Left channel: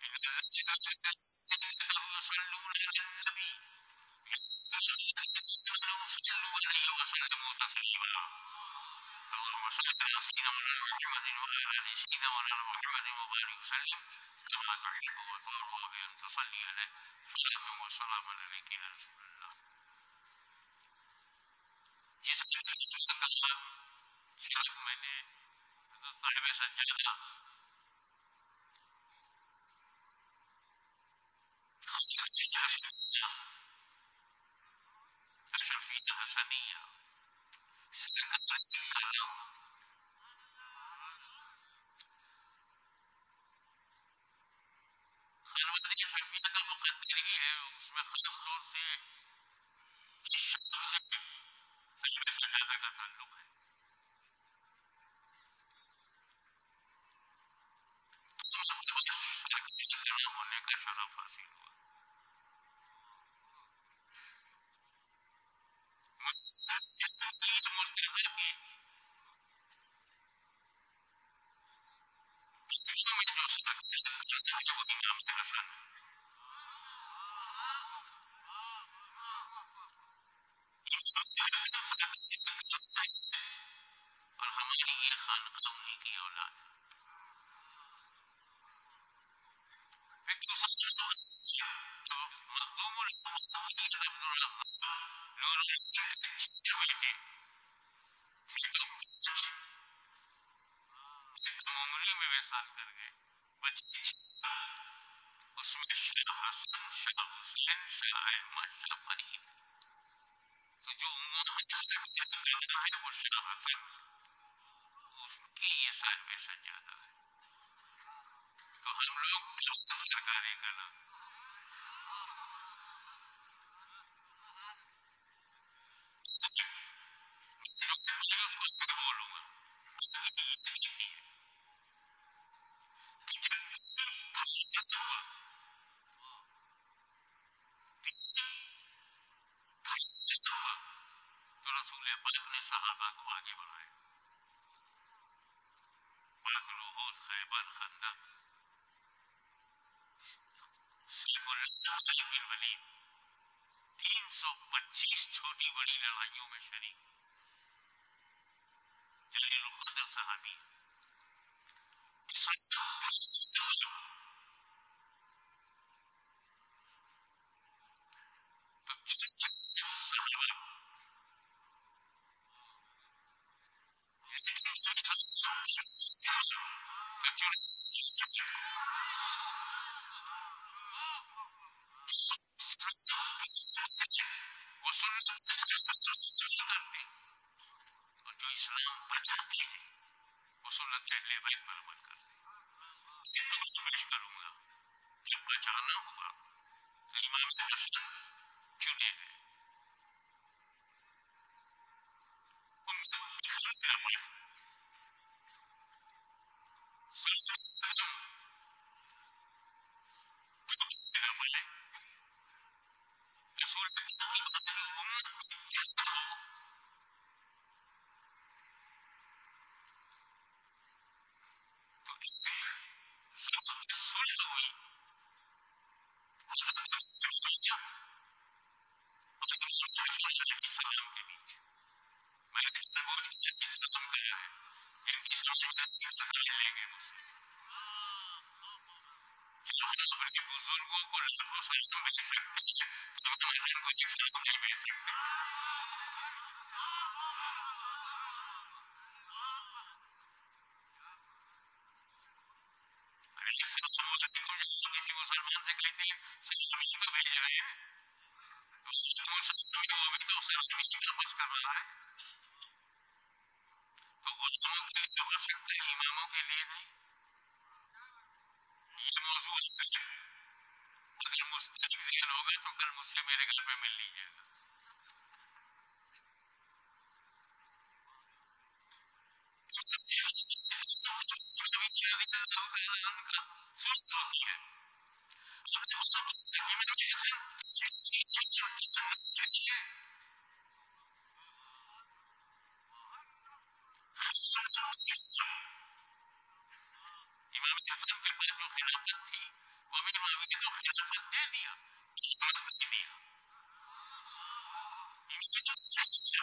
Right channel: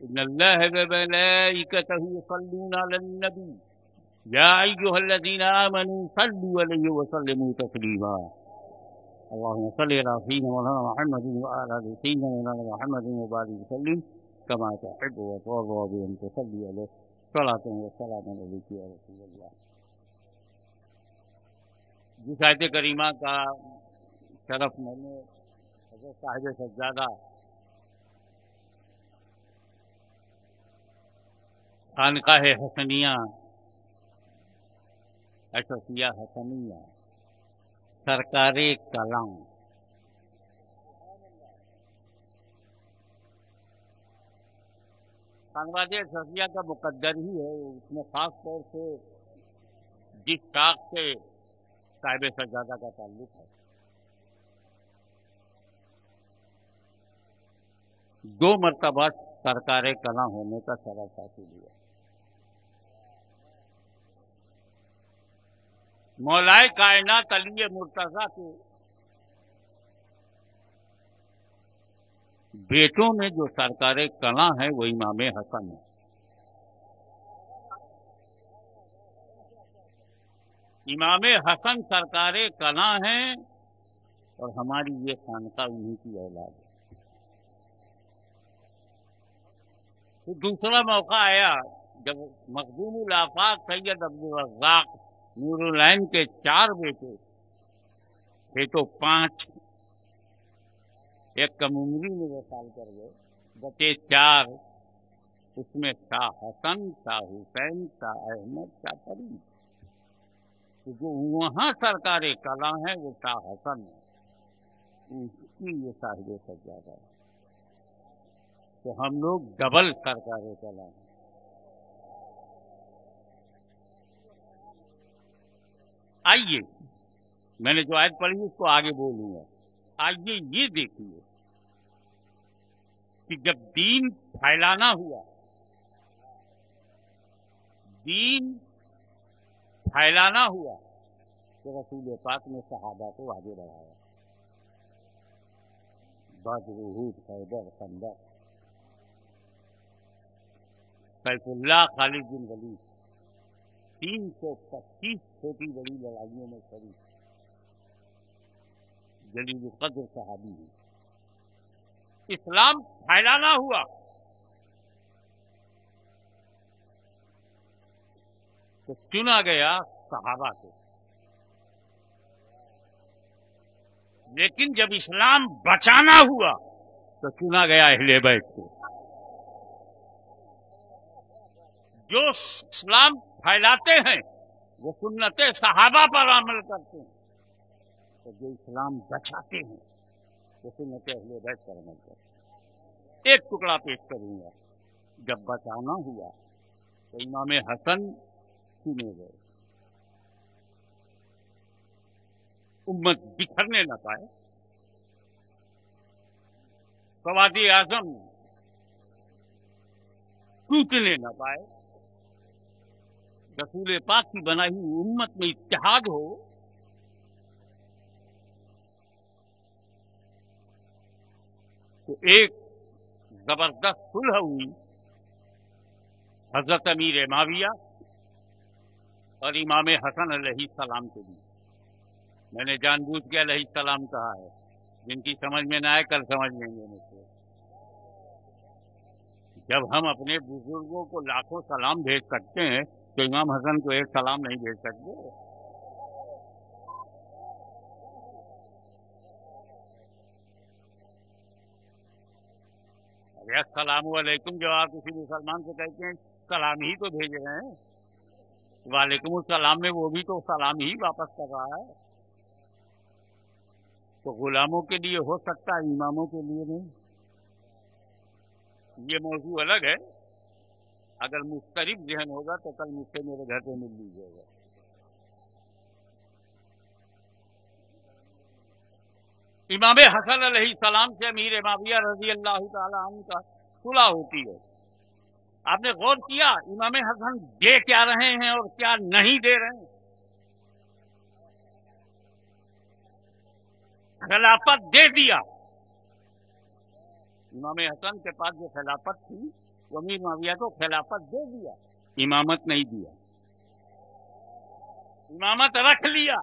इन्नल्लाह व मलाइकतहु युसल्लूना अलन नबी या अय्युहल्लज़ीना आमनू सल्लू अलैहि व सल्लिमू तस्लीमा अल्लाहुम्मा सल्लि अला सय्यिदिना मौलाना मुहम्मदिन व अला आलि सय्यिदिना मौलाना मुहम्मदिन व बारिक वसल्लिम कमा तुहिब्बु व तुर्ज़ा बि अन तुसल्ली अलैहि सलातun व सलामन अलैका या रसूलल्लाह। जिस आयत करीमा का शरफ मैंने हज़रत साहिब सज्जादा खानकाह हसनिया अशरफिया हसनिया सरकारे कलां खानवादे अशरफिया का मुकद्दर ही है। उसमें ख़ास तौर से जिस शाख से साहिब सज्जादा का ताल्लुक़ है, 2 मरतबा सरकारे कलां होने का शरफ हासिल हुआ। मौलाए कायनात अली मुर्तज़ा के बेटों में जो सरकारे कलां है वो इमाम हसन है। इमाम हसन सरकारे कलां हैं और हमारी ये खानका उन्हीं की औलाद है। फिर दूसरा मौका आया जब मखदूमुल आफाक सैयद अब्दुल रज़्ज़ाक नूरुल ऐन के 4 बेटे थे तो 5 एक कम उम्री में वसाल कर गए, बचे 4। उसमें शाह हसन, शाह हुसैन, शाह अहमद, शाह फरीद। तो जो वहां सरकारे कलां है वो शाह हसन है, उसकी ये साहिब सज्जादा है। तो हम लोग डबल सरकारे कलां हैं। आइए, मैंने जो आयत पढ़ी उसको आगे बोलूंगा। आइए ये देखिए कि जब दीन फैलाना हुआ, दीन फैलाना हुआ तो रसूल पाक ने सहाबा को आगे बढ़ाया। बद्र, उहद, खैबर, खंदक, सैफुल्लाह, खालिद बिन वलीद 325 छोटी बड़ी लड़ाइयों में शरीक जलीलुल क़द्र सहाबी हैं। इस्लाम फैलाना हुआ तो चुना गया सहाबा को, लेकिन जब इस्लाम बचाना हुआ तो चुना गया अहले बैत को। जो इस्लाम फैलाते हैं वो सुन्नते सहाबा पर अमल करते हैं, और जो इस्लाम बचाते हैं वो सुन्नते अहले बैत पर अमल करते हैं। एक टुकड़ा पेश करूंगा। जब बचाना हुआ तो इमाम हसन चुने गए, उम्मत बिखरने न पाए, सवादी आजम टूटने न पाए, रसूल पाक की बनाई हुई उम्मत में इत्तेहाद हो, तो एक जबरदस्त सुलह हुई हजरत अमीर माविया और इमाम हसन अलैहिस्सलाम के बीच। मैंने जानबूझ के अलैहिस्सलाम कहा है, जिनकी समझ में ना आए कल समझ लेंगे मुझसे। जब हम अपने बुजुर्गों को लाखों सलाम भेज सकते हैं तो इमाम हसन को एक सलाम नहीं भेज सकते। अरे अस्सलामु अलैकुम जब आप किसी मुसलमान से कहते हैं सलाम ही तो भेज रहे हैं, वालेकुम सलाम में वो भी तो सलाम ही वापस कर रहा है। तो गुलामों के लिए हो सकता है, इमामों के लिए नहीं। ये मौजू अलग है। अगर मुस्तरिब ज़हन होगा तो कल मुझसे मेरे घर पे मिल लीजिएगा। इमाम हसन अलैहिस्सलाम से अमीर माविया रज़ी अल्लाह ताला अन्हु का सुलह होती है। आपने गौर किया इमाम हसन दे क्या रहे हैं और क्या नहीं दे रहे हैं? खिलाफत दे दिया, इमाम हसन के पास जो खिलाफत थी वो अमीर मुआविया को खिलाफत दे दिया, इमामत नहीं दिया। इमामत रख लिया,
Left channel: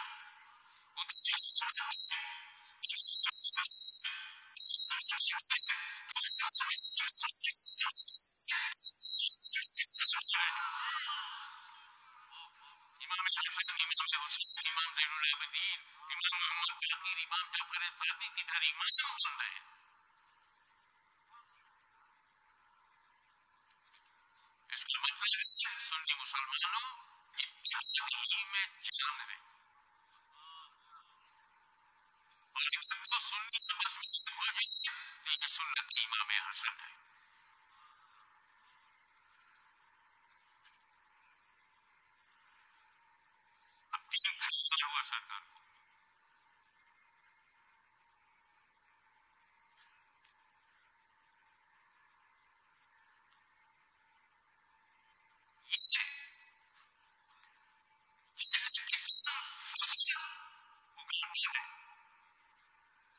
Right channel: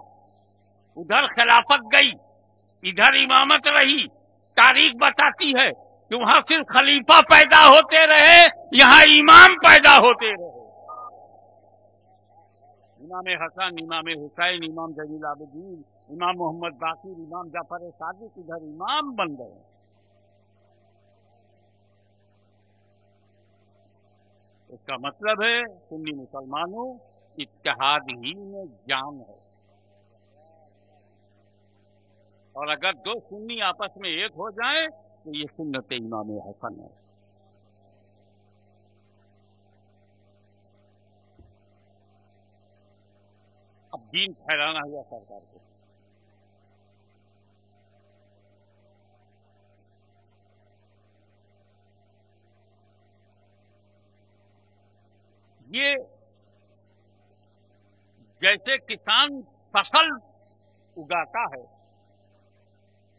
उधर खिलाफत गई, इधर इमामत रही। तारीख बताती है कि वहां सिर्फ खलीफा पैदा होते रहे, यहां इमाम पैदा होते रहे। इमाम हसन, इमाम हुसैन, इमाम ज़ैनुल आबिदीन, इमाम मोहम्मद बाकिर, इमाम जाफर सादिक इधर इमाम बन रहे हैं। इसका मतलब है सुन्नी मुसलमानों, इत्तेहाद ही में जान है। और अगर दो सुन्नी आपस में एक हो जाएं तो ये सुन्नत इमाम हसन है। अब दीन फैलाना हुआ सरकार को। ये जैसे किसान फसल उगाता है,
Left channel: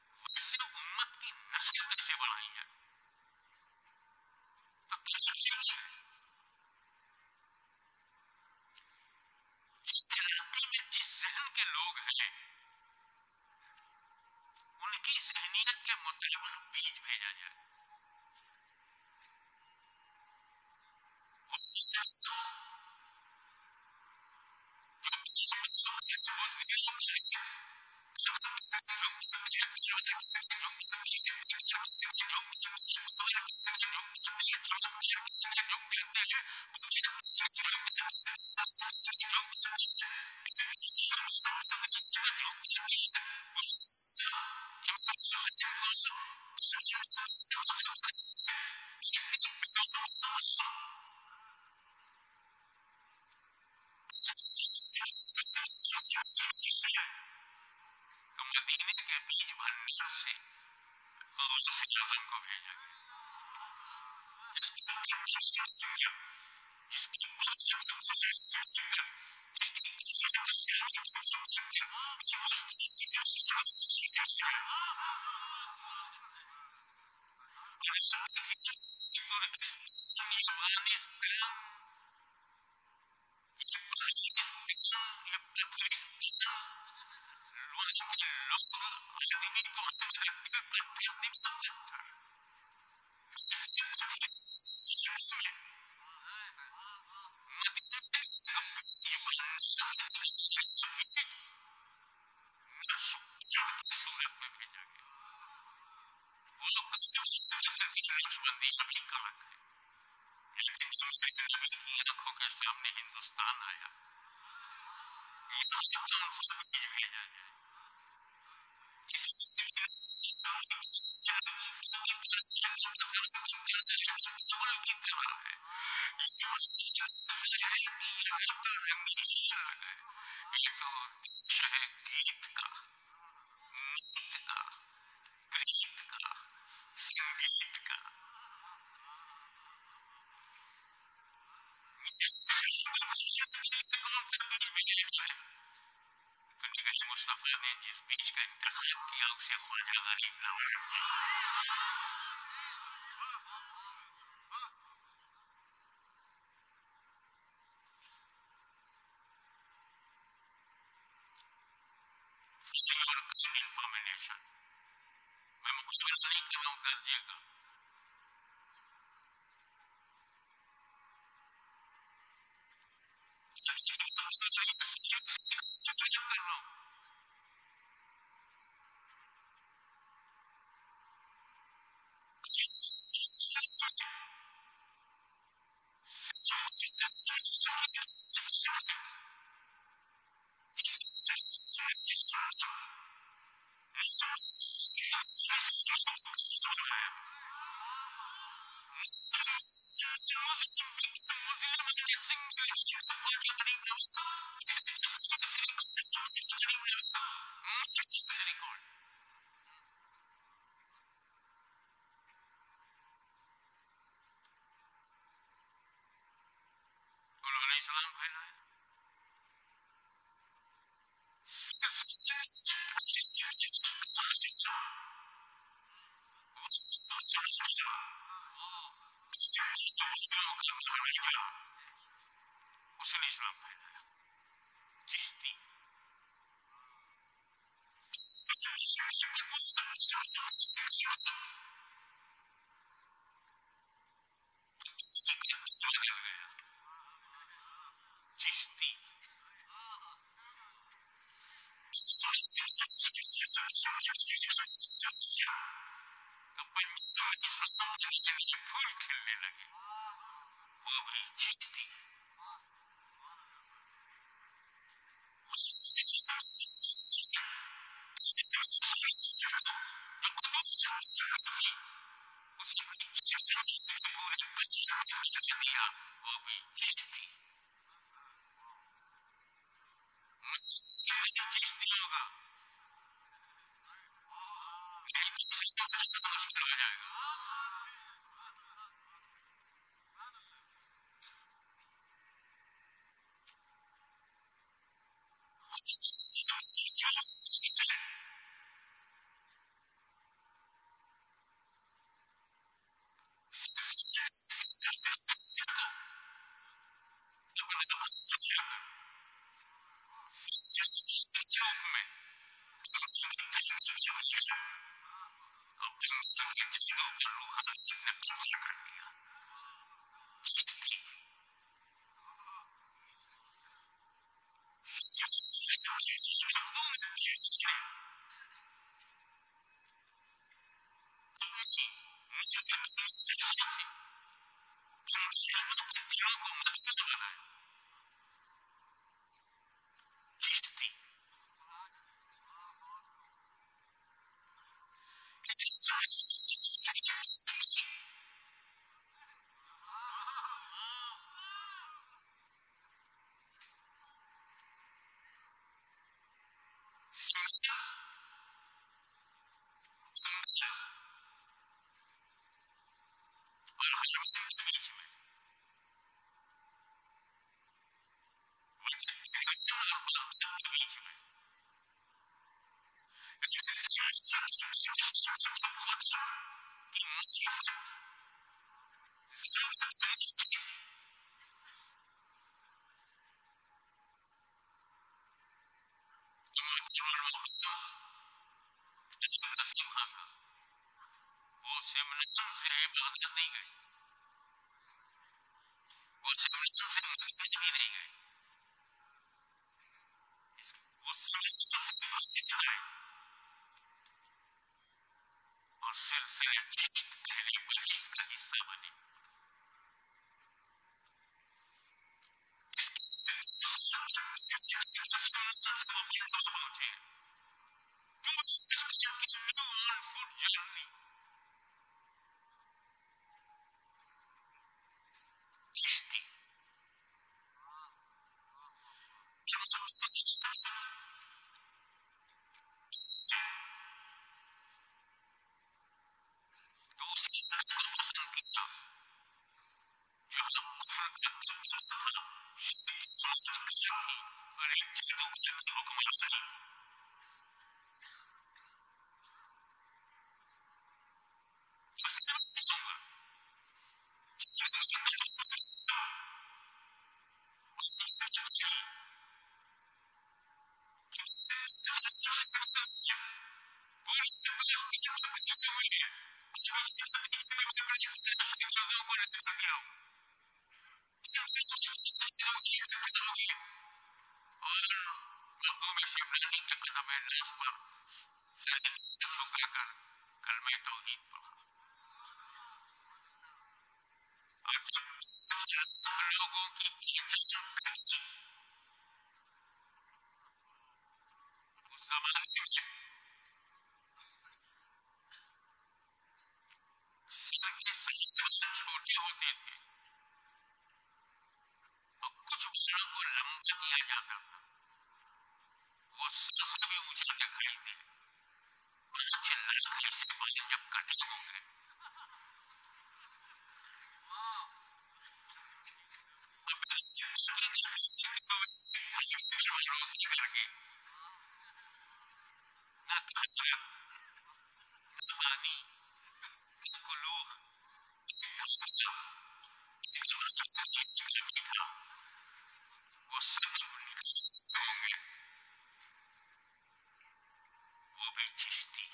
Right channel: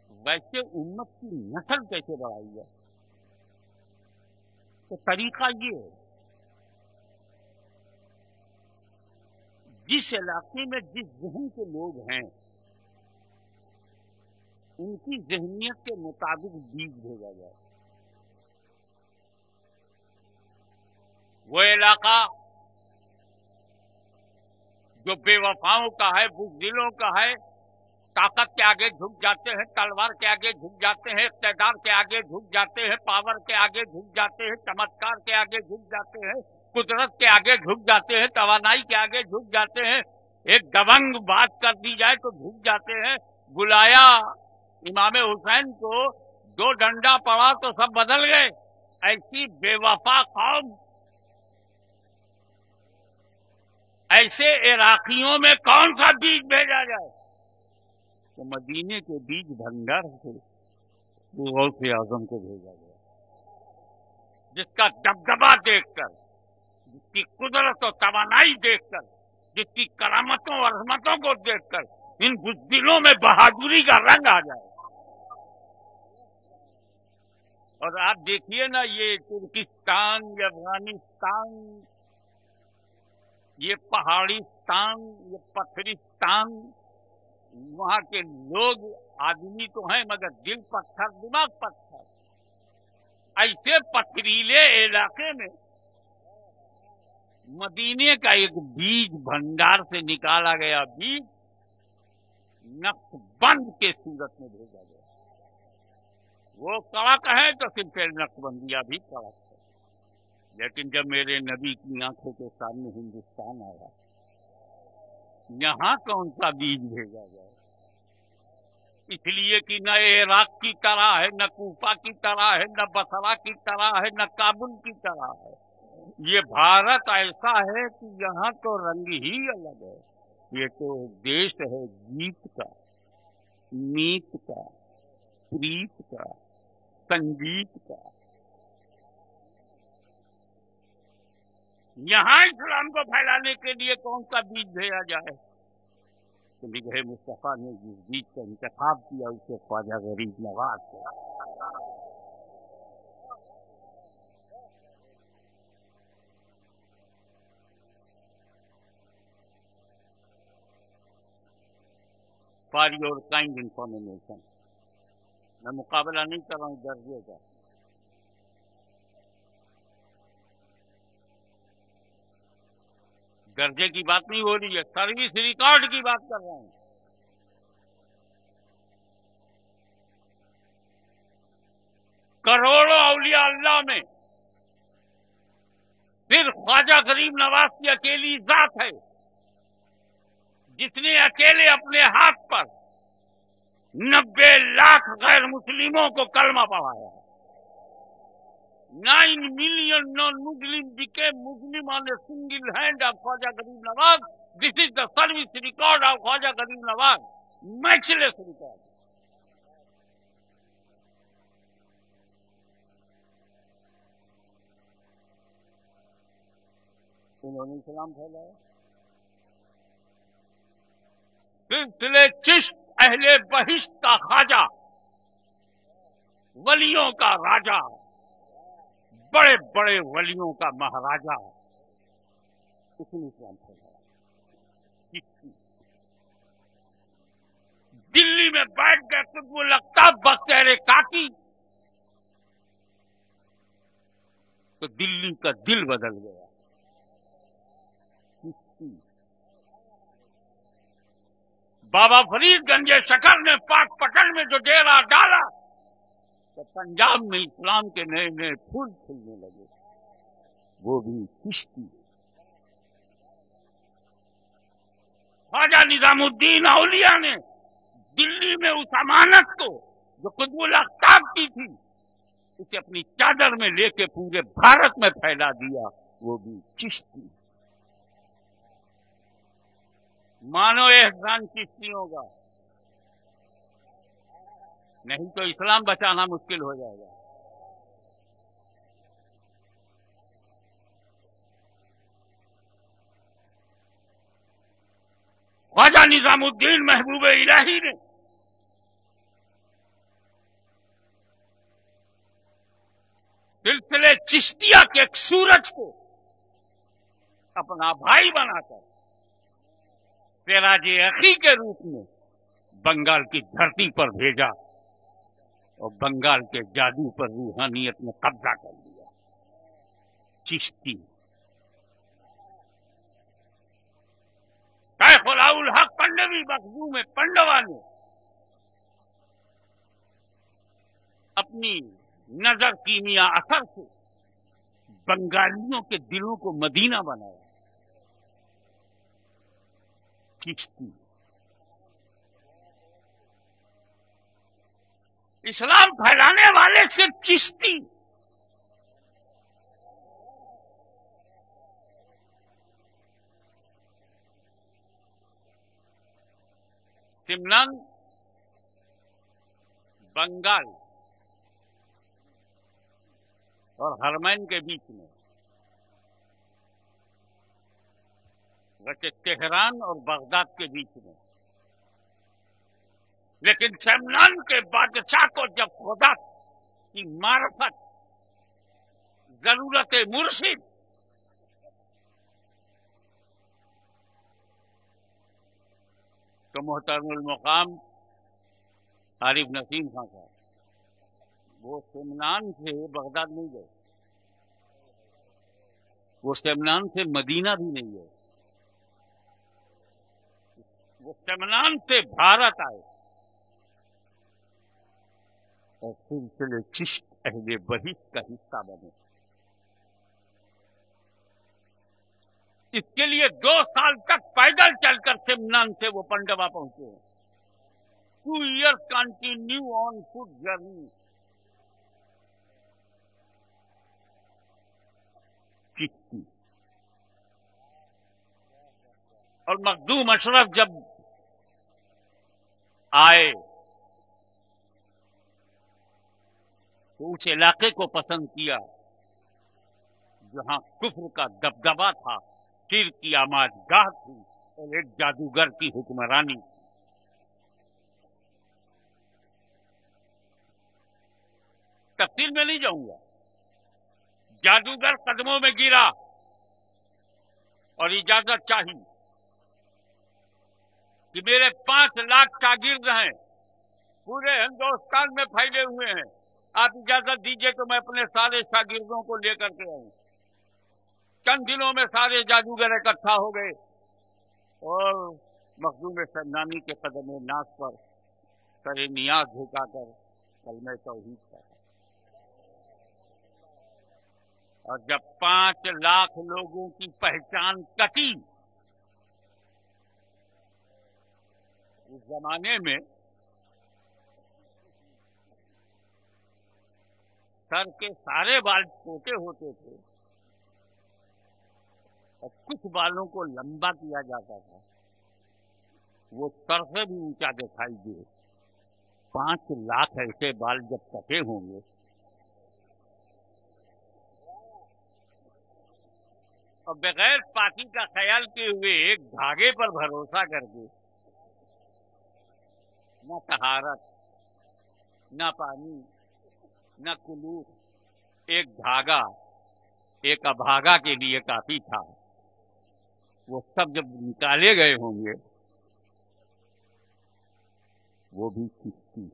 वैसे उम्मत की नस्ल कैसे बढ़ाई जाए, तो तरीका ये है, जिस इलाके में जिस जहन के लोग हैं उनकी जहनियत के मुताबिक बीज भेजा जाए। वो इलाका जो बेवफाओं का है, बुज़दिलों का है, ताकत के आगे झुक जाते हैं, तलवार के आगे झुक जाते हैं, इक़्तिदार के आगे झुक जाते हैं, पावर के आगे झुक जाते हैं, चमत्कार के आगे झुक जाते हैं, कुदरत के आगे झुक जाते हैं, तवानाई के आगे झुक जाते हैं, एक दबंग बात कर दी जाए तो झुक जाते हैं। बुलाया इमाम हुसैन को, दो डंडा पड़ा तो सब बदल गए। ऐसी बेवफा कौम, ऐसे इराकियों में कौन सा बीज भेजा जाए? तो मदीने के बीज भंडार से गौसे आजम को भेजा गया, जिसका दबदबा देखकर, जिसकी कुदरत और तवानाई देखकर, जिसकी करामतों और अजमतों को देखकर इन बुज़दिलों में बहादुरी का रंग आ जाए। और आप देखिए ना, ये तुर्किस्तान, ये अफगानिस्तान, ये पहाड़िस्तान, ये पत्थरिस्तान, वहां के लोग आदमी तो हैं मगर दिल पत्थर, दिमाग पत्थर। ऐसे पथरीले इलाके में मदीने का एक बीज भंडार से निकाला गया बीज नक्शबंद के सूरत में भेजा गया। वो कड़क है तो सिलसिले नक्शबंदिया भी कड़क है, लेकिन जब मेरे नबी की आंखों के सामने हिंदुस्तान आया, यहां कौन सा बीज भेजा जाए? इसलिए कि न इराक की तरह है, न कूफा की तरह है, न बसरा की तरह है, न काबुल की तरह है। ये भारत ऐसा है कि यहां तो रंग ही अलग है। ये तो देश है गीत का, मीत का, प्रीत का, संगीत का। यहां इस्लाम को फैलाने के लिए कौन सा बीज भेजा जाए? तो निगाहे मुस्तफा ने जिस बीज का इंतखाब किया उसे ख्वाजा गरीब नवाज के। फॉर योर काइंड इंफॉर्मेशन, मैं मुकाबला नहीं कर रहा हूं दर्जे का, दर्जे की बात नहीं हो रही है, सर्विस रिकॉर्ड की बात कर रहा हूं। करोड़ों औलिया अल्लाह में सिर्फ ख्वाजा गरीब नवाज की अकेली जात है जिसने अकेले अपने हाथ पर 90 लाख गैर मुस्लिमों को कलमा पढ़ाया। 9 million non-Muslim became Muslim on a single hand of Khwaja Garib Nawaz. This is the service record of Khwaja Garib Nawaz. Matchless record. उन्होंने इस्लाम फैलाया। सिलसिले चिश्त अहले बहिश्त का ख्वाजा वलियों का राजा, बड़े बड़े वलियों का महाराजा, उसने इस्लाम फैलाया। चिश्ती दिल्ली में बैठ गए कुतुबुल अख्ताब बख्तियार काकी, तो दिल्ली का दिल बदल गया। चिश्ती बाबा फरीद गंजे शकर ने पाक पटन में जो डेरा डाला, तो पंजाब में इस्लाम के नए नए फूल खिलने लगे, वो भी चिश्ती। ख्वाजा निजामुद्दीन औलिया ने दिल्ली में उस अमानत को जो कुतुबुल अख्ताब की थी, उसे अपनी चादर में लेके पूरे भारत में फैला दिया, वो भी चिश्ती। मानो एहसान चिश्तियों का, नहीं तो इस्लाम बचाना मुश्किल हो जाएगा। ख्वाजा निजामुद्दीन महबूब इलाही ने सिलसिले चिश्तिया के एक सूरज को अपना भाई बनाकर सिराजे अखी के रूप में बंगाल की धरती पर भेजा, और बंगाल के जादू पर रूहानियत ने कब्जा कर लिया। चिश्ती शेख उल हक पंडवी मखदूम पंडवा ने अपनी नजर कीमिया असर से बंगालियों के दिलों को मदीना बनाया। चिश्ती इस्लाम फैलाने वाले सिर्फ चिश्ती। सिमनान बंगाल और हरमैन के बीच में, वैसे तेहरान और बगदाद के बीच में, लेकिन सेमनान के बादशाह को जब खुदा की मार्फत, जरूरत मुर्शिद, तो मोहतरमुल मुकाम आरिफ नसीम खान साहब वो सेमनान से बगदाद नहीं गए, वो सेमनान से मदीना भी नहीं गए, वो सेमनान से भारत आए और सिलसिले चिश्त अहले बहिश्त का हिस्सा बने। इसके लिए 2 साल तक पैदल चलकर सेमनान से वो पंडवा पहुंचे हैं। 2 years continue on foot journey. Chishti और मखदूम अशरफ जब आए तो उस इलाके को पसंद किया जहां कुफ्र का दबदबा था, शिर की आमाजगाह थी और एक जादूगर की हुक्मरानी थी। तफसील में नहीं जाऊंगा। जादूगर कदमों में गिरा और इजाजत चाहिए कि मेरे 5 लाख शागिर्द हैं, पूरे हिंदुस्तान में फैले हुए हैं, आप इजाजत दीजिए तो मैं अपने सारे शागिर्दों को लेकर के आऊं। चंद दिनों में सारे जादूगर इकट्ठा हो गए और मखदूम शमनानी के कदम नास पर सरे नियाज झुकाकर कलमे तौहीद पढ़ा। और जब 5 लाख लोगों की पहचान कटी, उस जमाने में सर के सारे बाल छोटे होते थे और कुछ बालों को लंबा किया जाता था, वो सर से भी ऊंचा दिखाई दे। 5 लाख ऐसे बाल जब कटे होंगे, और बगैर पाकी का ख्याल किए हुए एक धागे पर भरोसा करके, ना तहारत, ना पानी, न कुलूख, एक धागा एक अभागा के लिए काफी था। वो सब जब निकाले गए होंगे, वो भी चिश्ती।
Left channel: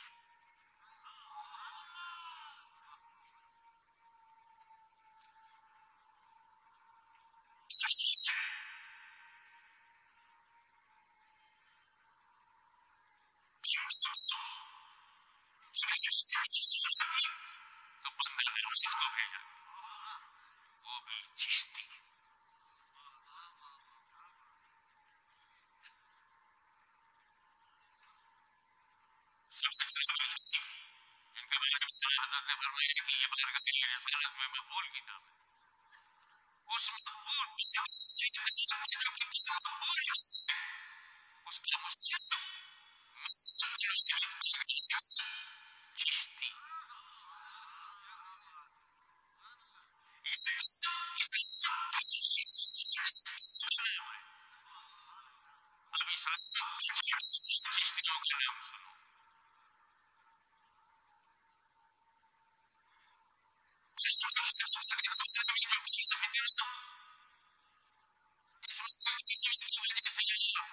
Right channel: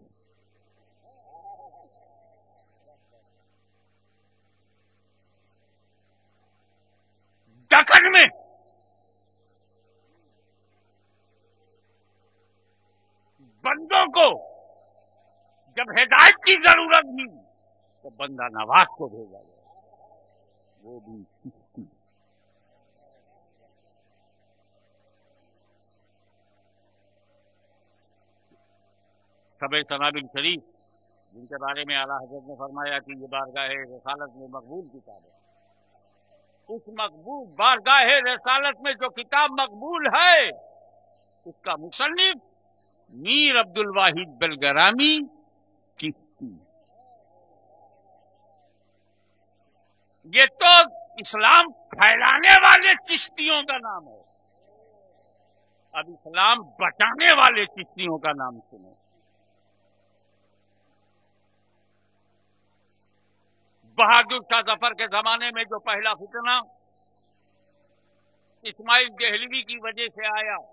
दक्कन में बंदों को जब हिदायत की जरूरत थी तो बंदा नवाज को भेजा गया, वो भी चिश्ती। सबे सनाबिल शरीफ, जिनके बारे में आला हजरत ने फरमाया कि ये बारगाह रिसालत में मकबूल किताब है, उस मकबूल बारगाह रिसालत में जो किताब मकबूल है, उसका मुसन्निफ मीर अब्दुल वाहिद बलगरामी चिश्ती। ये तो इस्लाम फैलाने वाले चिश्तियों का नाम है। अब इस्लाम बचाने वाले चिश्तियों का नाम सुनो। बहादुर शाह जफर के जमाने में जो पहला फितना इस्माइल देहलवी की वजह से आया,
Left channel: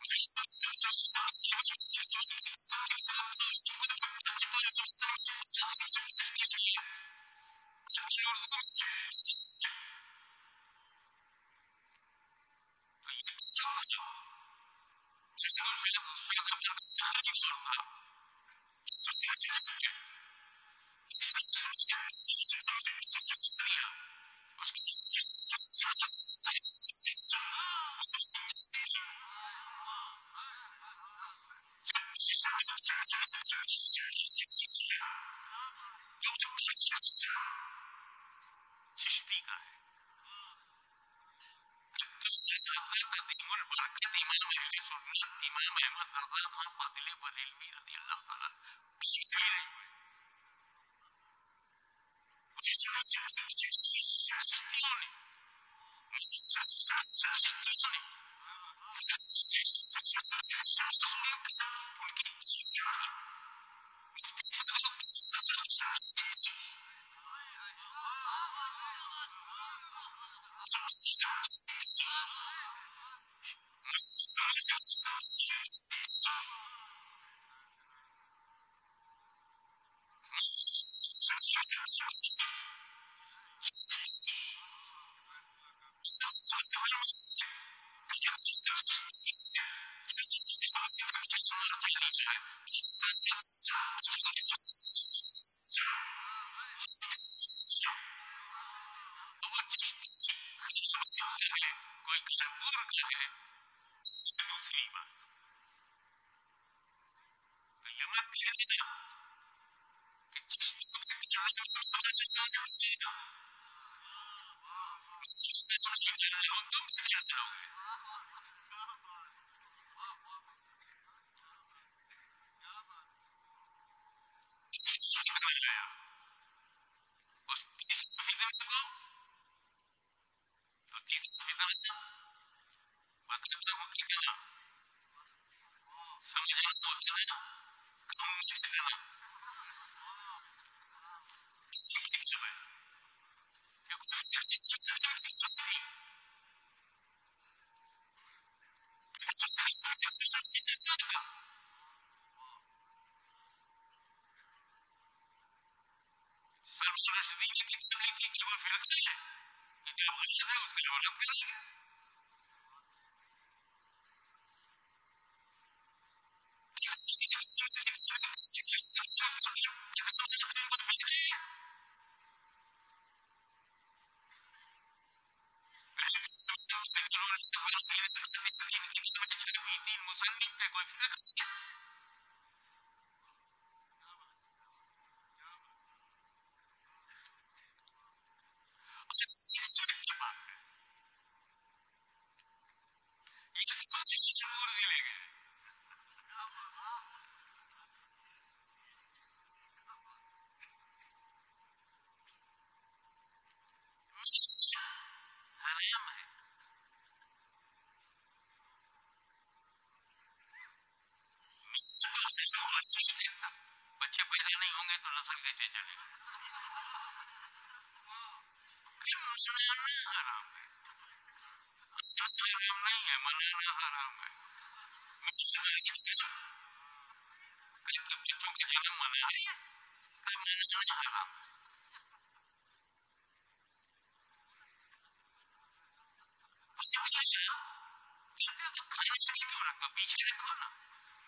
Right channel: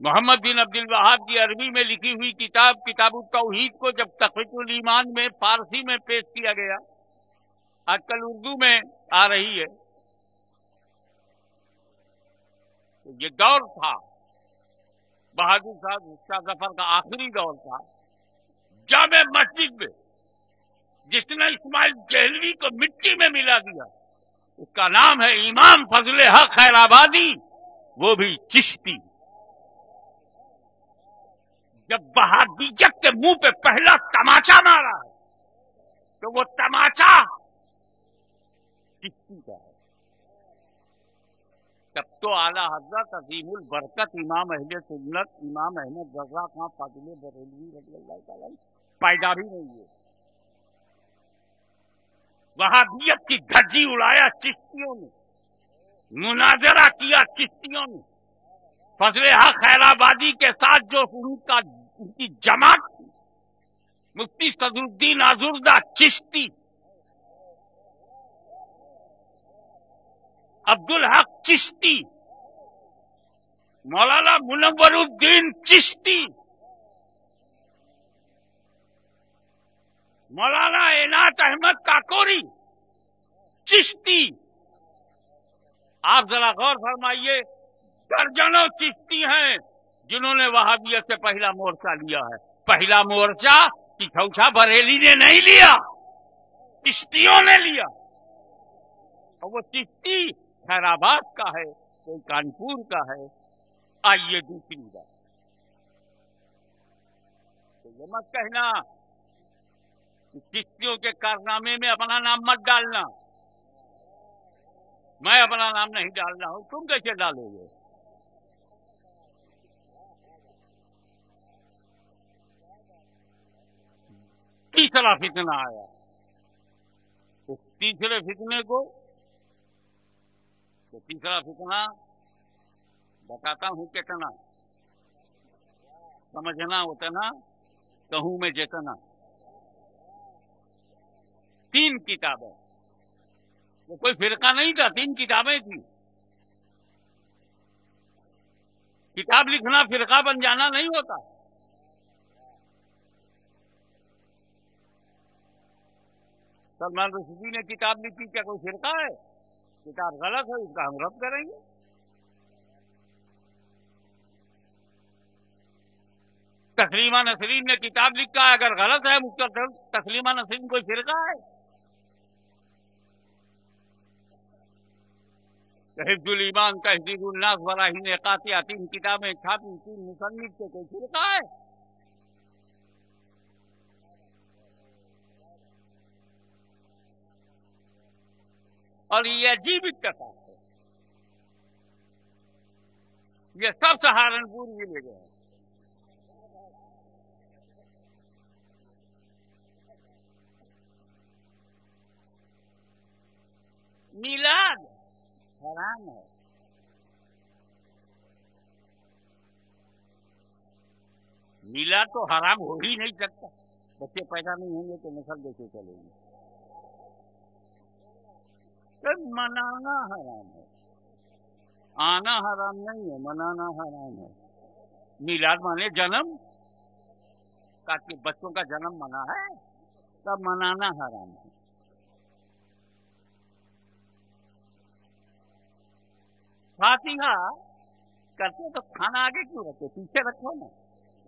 मोहम्मद बिन अब्दुल वहाब की अरबी में लिखी हुई किताब किताबुत तौहीद को जब तक़वीतुल ईमान में फारसी में पेश किया गया, आजकल उर्दू में आ रही है, तो ये दौर था बहादुर शाह जफर का आखिरी दौर था। जामे मस्जिद में जिसने इस्माइल देहलवी को मिट्टी में मिला दिया, उसका नाम है इमाम फजले हक खैराबादी, वो भी चिश्ती। जब वहाबियत के मुंह पे पहला तमाचा मारा है, तो वो तमाचा चिश्ती का है। तब तो आला हजरत अजीमुल बरकत इमाम अहले सुन्नत इमाम अहमद रजा खां फातिले बरेलवी रज़ी अल्लाह ताला पैदा भी नहीं हुए। वहाबियत की धज्जी उड़ाया चिश्तियों ने, मुनाजरा किया चिश्तियों ने। फजले हक खैराबादी के साथ जो उनकी जमात थी, मुफ्ती सदरुद्दीन आजुर्दा चिश्ती, अब्दुल हक चिश्ती, मौलाना मुनव्वरुद्दीन चिश्ती, मौलाना एनात अहमद काकोरी चिश्ती। आप जरा गौर फरमाइए, दर्जनों चिश्ती हैं जिन्होंने वहाबियत से पहला मोर्चा लिया है। पहला मोर्चा कि छौछा बरेली ने नहीं लिया, चिश्तियों ने लिया। और वो चिश्ती खैराबाद का है, कोई कानपुर का है। आइए दूसरी बात, तो ये मत कहना कि चिश्तियों के कारनामे में अपना नाम मत डालना। मैं अपना नाम नहीं डाल रहा हूं, तुम कैसे डालोगे? तीसरा फितना आया। उस तीसरे फितने को, तो तीसरा फितना बताता हूं कितना, समझना उतना, कहूं मैं जितना। 3 किताबें, ये कोई फिरका नहीं था, 3 किताबें थी। किताब लिखना फिरका बन जाना नहीं होता। सलमान रुश्दी ने किताब लिखी, क्या कोई फिरका है? किताब गलत है, उसका हम रद्द करेंगे। तस्लीमा नसरीन ने किताब लिखा है, अगर गलत है मुझका तस्लीमा नसरीन कोई फिरका है? हिफ्जुल ईमान तहजीरुन नास बराहीन कातिया 3 किताबें छापी, 3 मुसन्निफ थे, कोई फिरका है? और ये अजीब इत्तेफाक है, ये सब सहारनपुर जिले के हैं। मिलाद हराम है। मिलाद मीलाद तो हराम हो ही नहीं सकता। बच्चे पैदा नहीं होंगे तो नस्ल कैसे चलेगी? कि मनाना हराम है, आना हराम नहीं है, मनाना हराम है। मीलाद माने जन्म का, कि बच्चों का जन्म मना है का मनाना हराम है। फातिहा करते हो तो खाना आगे क्यों रखते हो? पीछे रखो ना।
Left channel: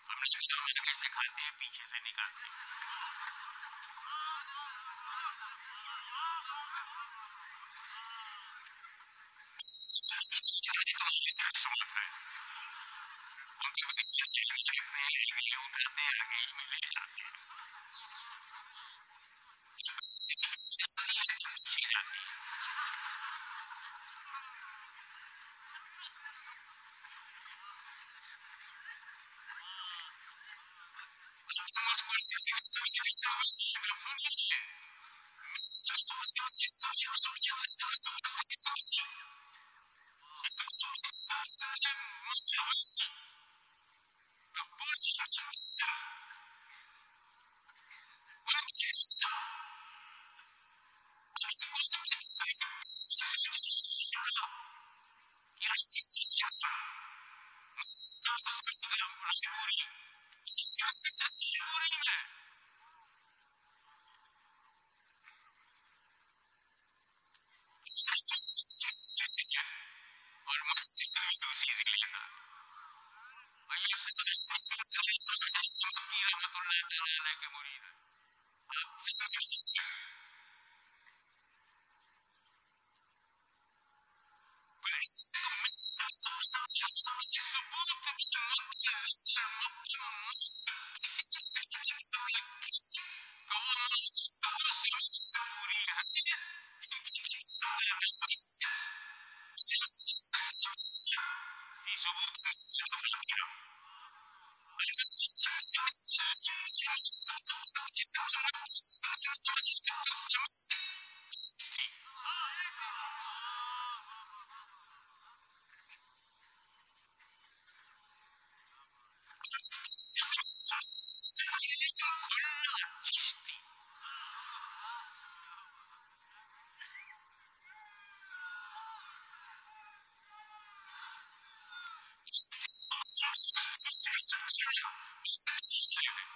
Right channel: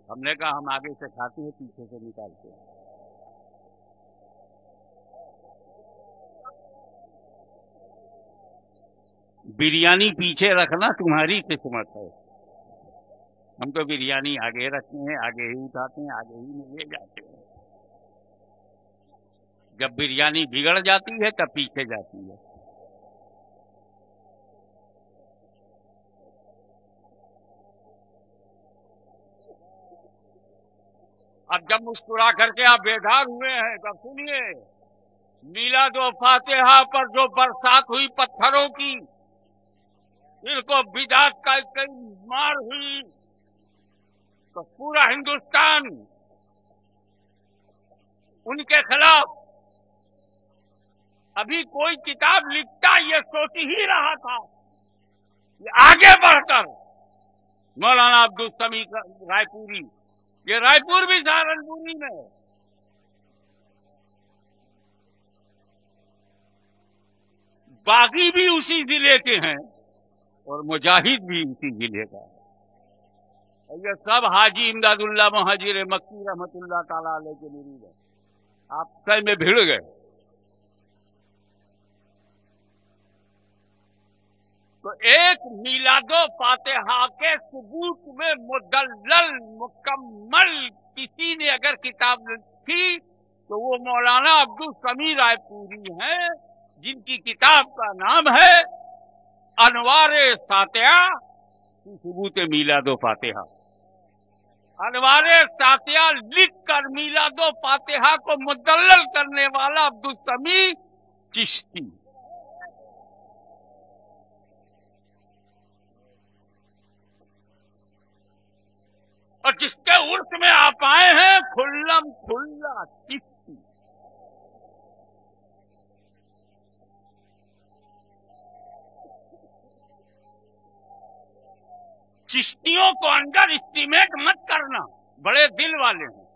हमने कहा हम आगे से खाते हैं, पीछे से निकालते हैं। बिरयानी पीछे रखना तुम्हारी किस्मत है। हम तो बिरयानी आगे रखते हैं, आगे ही उठाते हैं, आगे ही में ले जाते हैं। जब बिरयानी बिगड़ जाती है तब पीछे जाती है। अब जब मुस्कुरा करके आप बेदार हुए हैं तब सुनिए, मीलाद व फातिहा पर जो बरसात हुई पत्थरों की, शिर्क व बिदात का कई मार हुई, तो पूरा हिंदुस्तान उनके खिलाफ अभी कोई किताब लिखता ये सोच ही रहा था कि आगे बढ़कर मौलाना अब्दुल समी रायपुरी, ये रायपुर भी सहारनपुरी में, बागी भी उसी जिले के हैं और मुजाहिद भी उसी जिले का है। और ये सब हाजी इमदादुल्लाह मुहाजिर मक्की रहमतुल्लाह ताला अलैह के मुरीद हैं। आप सही में भिड़ गए। तो एक मीलादो फातिहा के सबूत में मुदल्लल मुकम्मल किसी ने अगर किताब लिखी तो वो मौलाना अब्दुल समी रायपुरी हैं, जिनकी किताब का नाम है अनवारे सातिया फी सबूत मीलादो फातिहा। अनवारे सातिया लिख कर मीलादो फातिहा को मुदल्लल करने वाला अब्दुल समी चिश्ती। और जिसके उर्स में आप आए हैं खुल्लम खुल्ला चिश्ती। चिश्तियों को अंडर एस्टिमेट मत करना, बड़े दिल वाले हैं।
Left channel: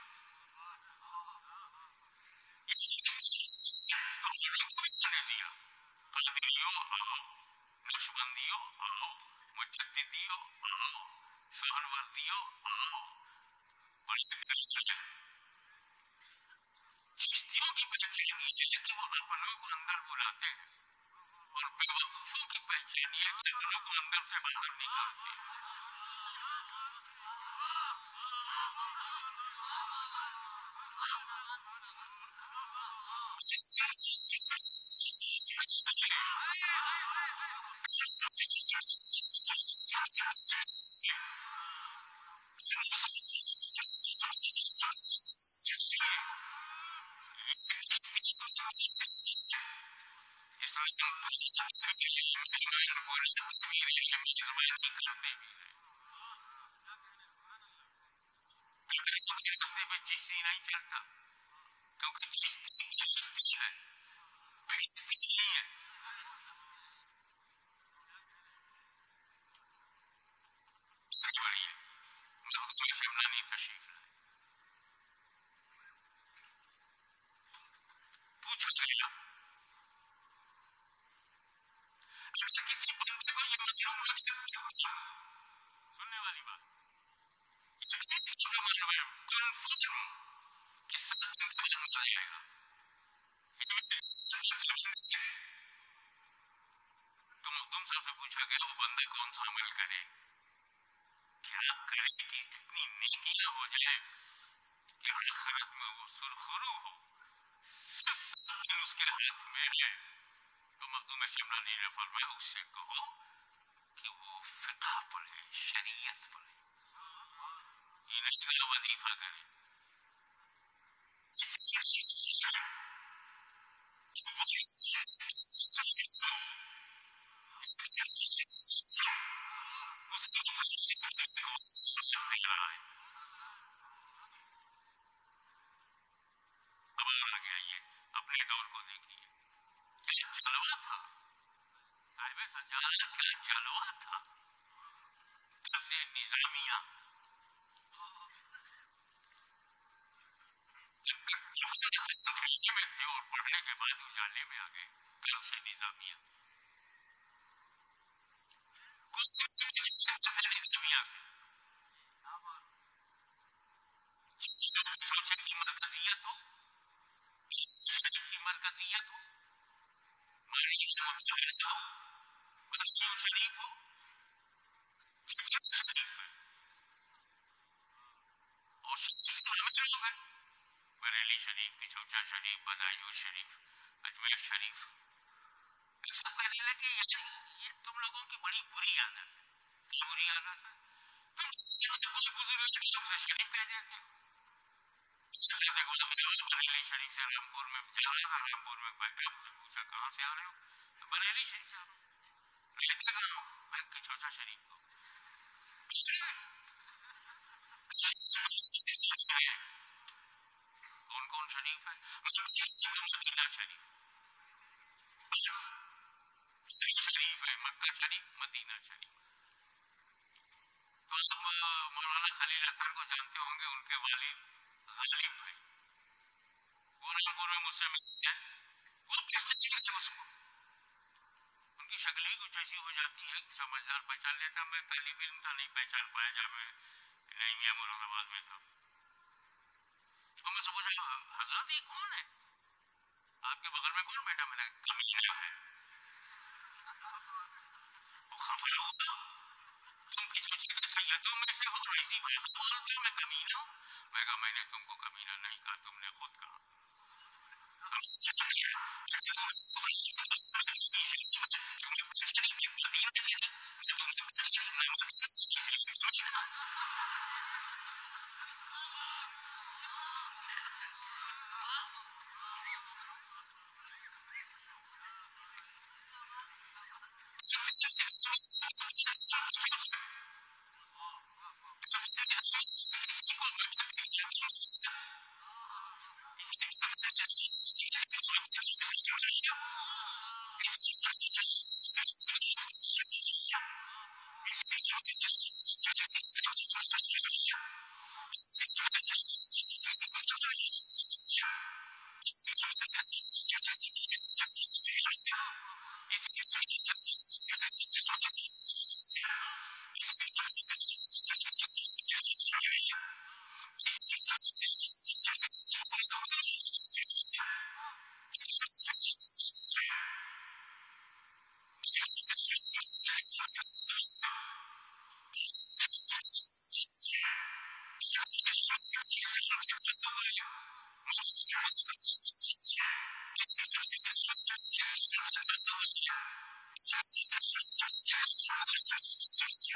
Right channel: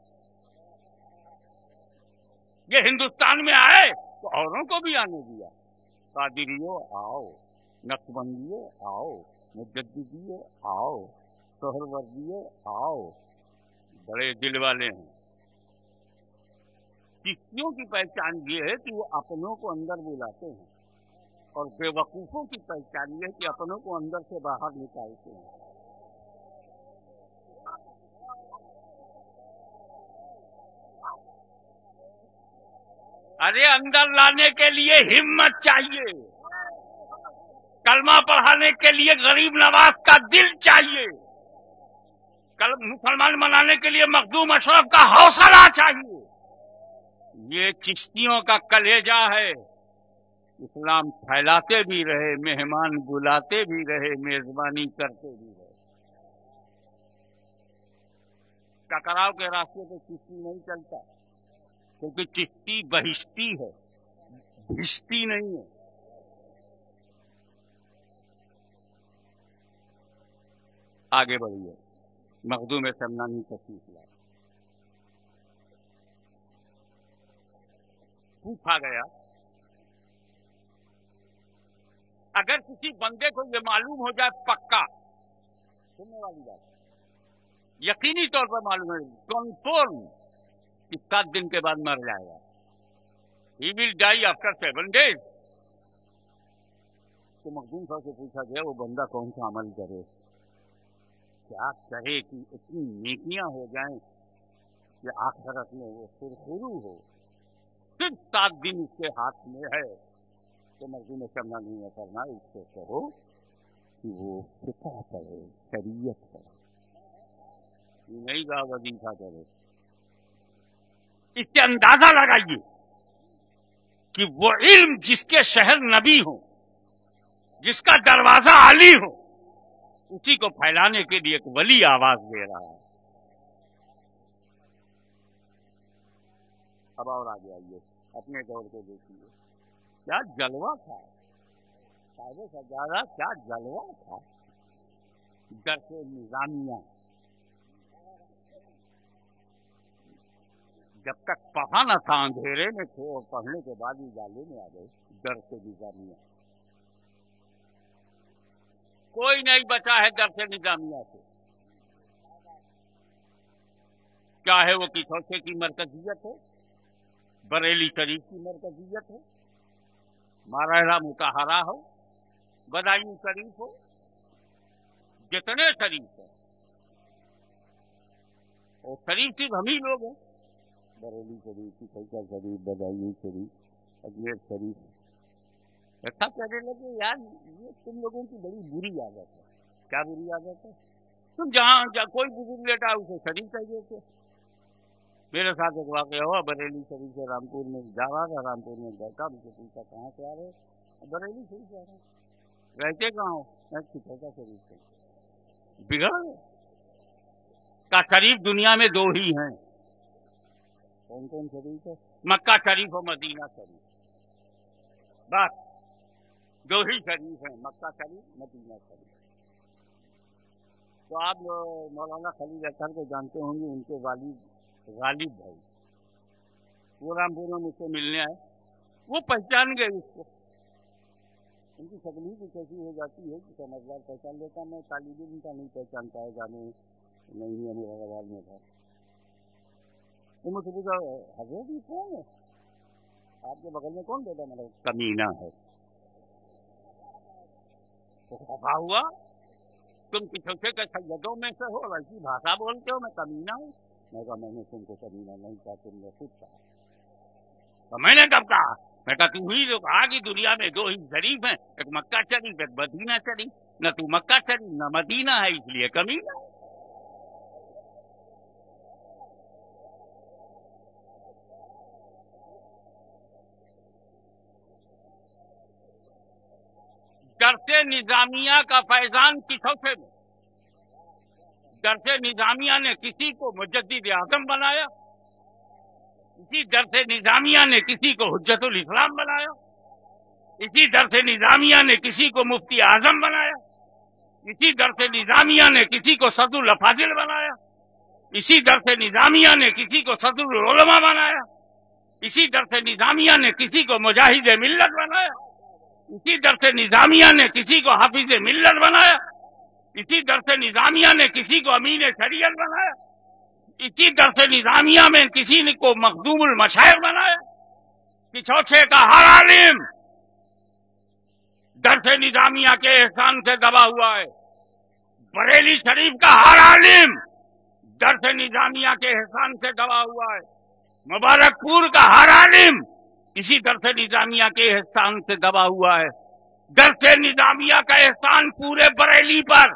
ये हिंदुस्तान में आए तो औरों को भी आने दिया। कादिरियो आओ, नक्शबंदियो आओ, मुजद्दिदियो आओ, सोहरवर्दियो आओ, बड़े दिल वाले हैं। चिश्तियों की पहचान ये है कि वो अपनों को अंदर बुलाते हैं और बेवकूफों की पहचान ये है कि अपनों को अंदर से बाहर निकालते हैं। अरे अंदर लाने के लिए हिम्मत चाहिए, कलमा पढ़ाने के लिए गरीब नवाज का दिल चाहिए, कल मुसलमान बनाने के लिए मखदूम अशरफ का हौसला चाहिए। ये चिश्तियों का कलेजा है। इस्लाम फैलाते भी रहे, मेहमान बुलाते भी रहे, मेजबानी करते भी रहे। टकराव के रास्ते पे चिश्ती नहीं चलता, क्योंकि चिश्ती बहिश्ती है, भिश्ती नहीं है। आगे बढ़िए। मखदूम शमनानी तशरीफ लाए। पूछा गया, अगर किसी बंदे को यह मालूम हो जाए पक्का, सुनने वाली बात, यकीनी तौर पर मालूम है, कन्फर्म, कि 7 दिन के बाद मर जाएगा, he will die after 7 days, तो मखदूम साहब से पूछा गया वो बंदा कौन सा अमल करे, क्या करे कि इतनी नेकियां हो जाएं कि आखिरत में वो सुरखरू हो। सिर्फ 7 दिन उसके हाथ में है। तो मखदूम शमनानी ने फरमाया उससे कहो कि वो फिक़ह पढ़े, शरीयत पढ़े, ये नहीं कहा वजीफा करे। इससे अंदाजा लगाइए कि वो इल्म जिसके शहर नबी हो, जिसका दरवाजा आली हो, उसी को फैलाने के लिए एक वली आवाज दे रहा है। अब और आगे आइए, अपने दौर को देखिए, क्या जलवा था साहिब सज्जादा, क्या जलवा था। दरसे निजामिया, जब तक पढ़ा न था अंधेरे में थे और पढ़ने के बाद उजाले में आ गए। दरसे निजामिया, कोई नहीं बचा है दरसे निजामिया से, चाहे वो किछौछे की मरकजियत हो, बरेली शरीफ की मरकजियत हो, माराहरा मुताहरा हो, बदायूं शरीफ हो, जितने शरीफ हैं, और शरीफ सिर्फ हम ही लोग हैं। बरेली शरीफ, किछौछा शरीफ, बदायूं शरीफ, अजमेर शरीफ। एक साहब कहने लगे यार ये तुम लोगों की बड़ी बुरी आदत है। क्या बुरी आदत है? तुम जहां कोई बुजुर्ग लेटा उसे शरीफ कह देते हो। मेरे साथ एक वाकया हुआ, बरेली शरीफ से रामपुर में जा रहा था, रामपुर में बैठा, मुझे पूछा कहाँ से आ रहे हो? बरेली शरीफ से आ रहा हूँ। रहते कहाँ हो? मैं किछौछा शरीफ को। बिगड़ गए। का शरीफ दुनिया में दो ही हैं। कौन कौन शरीफ है? मक्का शरीफ और मदीना शरीफ, बस दो ही शरीफ हैं, मक्का शरीफ, मदीना शरीफ। तो आप मौलाना खलील अतहर को जानते होंगे, उनके वालिद गालिब भाई, वो रामपुर में मुझसे मिलने आए। वो पहचान गए उसको, उनकी शक्ल ही कुछ ऐसी हो जाती है कि समझदार पहचान लेता। मैं तालिब इल्म था, नहीं पहचान पाया, जामे नईमिया मुरादाबाद में था। तो मुझसे पूछा हजरत ये कौन है आपके बगल में, कौन बैठा? मैंने कहा कमीना है। वो खफा हुआ, तुम किछौछे के सैयदों में से हो और ऐसी भाषा बोलते हो, मैं कमीना हूं? मैं कहा मैंने तुमको कमीना नहीं कहा, तुमने खुद कहा। तो मैंने कब कहा? मैं कहा तू ही तो कहा कि दुनिया में दो ही शरीफ हैं, एक मक्का शरीफ, एक मदीना शरीफ। न तू मक्का शरीफ न मदीना है, इसलिए कमीना। दरसे निजामिया का फैजान किछौछे में। दरसे निजामिया ने किसी को मुजद्दिद आजम बनाया, इसी दरसे निजामिया ने किसी को हुज्जतुल इस्लाम बनाया, इसी दरसे निजामिया ने किसी को मुफ्ती आजम बनाया, इसी दरसे निजामिया ने किसी को सदरुल अफाजिल बनाया, इसी दरसे निजामिया ने किसी को सदरुल उलमा बनाया, इसी दरसे निजामिया ने किसी को मुजाहिद मिल्लत बनाया, इसी दरसे निजामिया ने किसी को हाफिज मिल्लत बनाया, इसी दरसे निजामिया ने किसी को अमीन शरीयत बनाया, इसी दरसे निजामिया में किसी ने को मखदूमुल मशाइख बनाया। किछौछे का हर आलिम दरसे निजामिया के एहसान से दबा हुआ है। बरेली शरीफ का हर आलिम दरसे निजामिया के एहसान से दबा हुआ है। मुबारकपुर का हर आलिम इसी दरसे निजामिया के एहसान से दबा हुआ है। दरसे निजामिया का एहसान पूरे बरेली पर,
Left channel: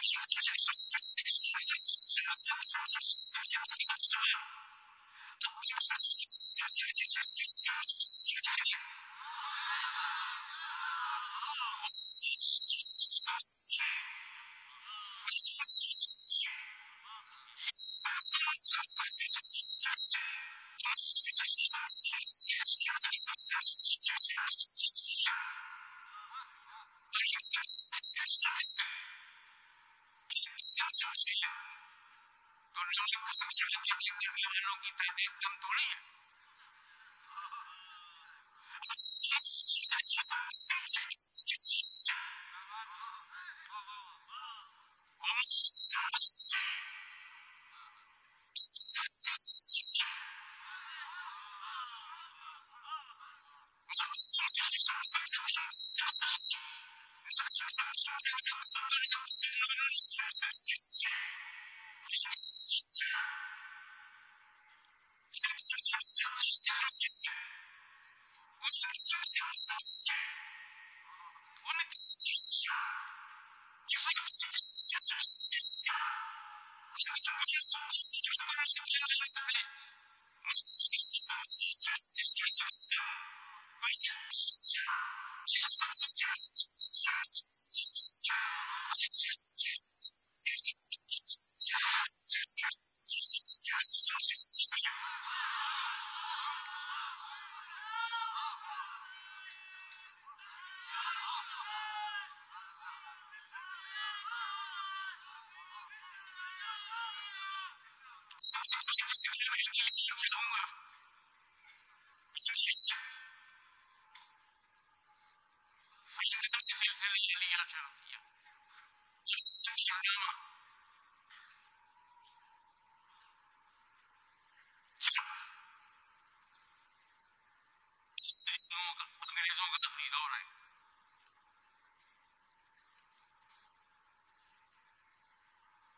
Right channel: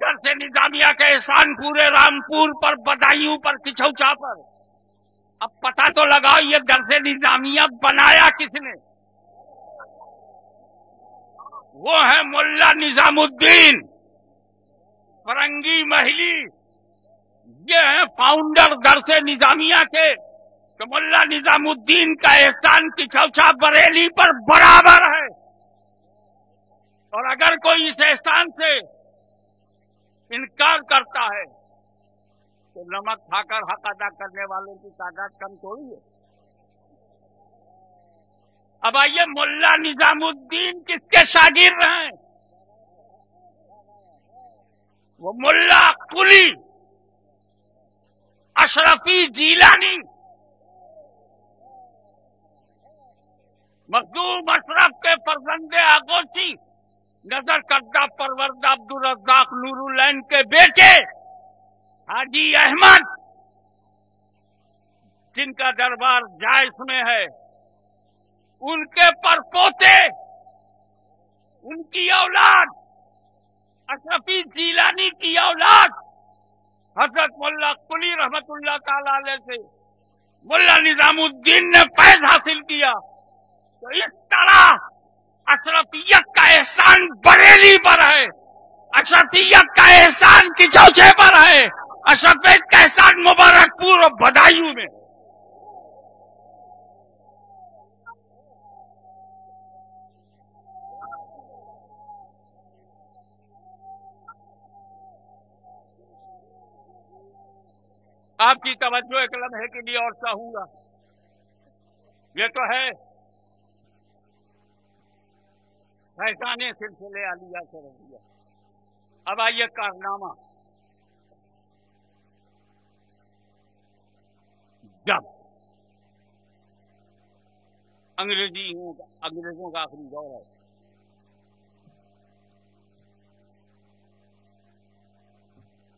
दरसे निजामिया का एहसान पूरे रामपुर पर, बदायूं पर, किछौछा पर। अब पता तो लगाओ ये दरसे निजामिया बनाया किसने? वो है मुल्ला निजामुद्दीन फरंगी महली, ये है फाउंडर दरसे निजामिया के। तो मुल्ला निजामुद्दीन का एहसान किछौछा बरेली पर बराबर है। और अगर कोई इस एहसान से इनकार करता है तो नमक खाकर हक अदा करने वालों की तादाद कम थोड़ी है। अब आइए, मुल्ला निजामुद्दीन किसके शागिर्द हैं? वो मुल्ला कुली अशरफी जीलानी, मखदूम अशरफ के फर्जंदे आगोशी, नजर करदा परवरदा अब्दुल रज़्ज़ाक नूरुल्लैन के बेटे हाजी अहमद, जिनका दरबार जायस में है, उनके परपोते, उनकी औलाद, अशरफी जीलानी की औलाद हजरत मुल्ला कुली रहमतुल्लाह ताला अलैह से मुल्ला निजामुद्दीन ने फैज हासिल किया। तो इस तरह अशरफियत का एहसान बरेली पर है, अशरफियत का एहसान किछौछे पर है, अशरफियत का एहसान मुबारकपुर और बदायूं में। आपकी तवज्जो एक लम्हे के लिए और चाहूंगा। यह तो है फैजाने सिलसिले आलिया शरफिया। अब आइए कारनामा। जब अंग्रेजों का आखिरी दौर है,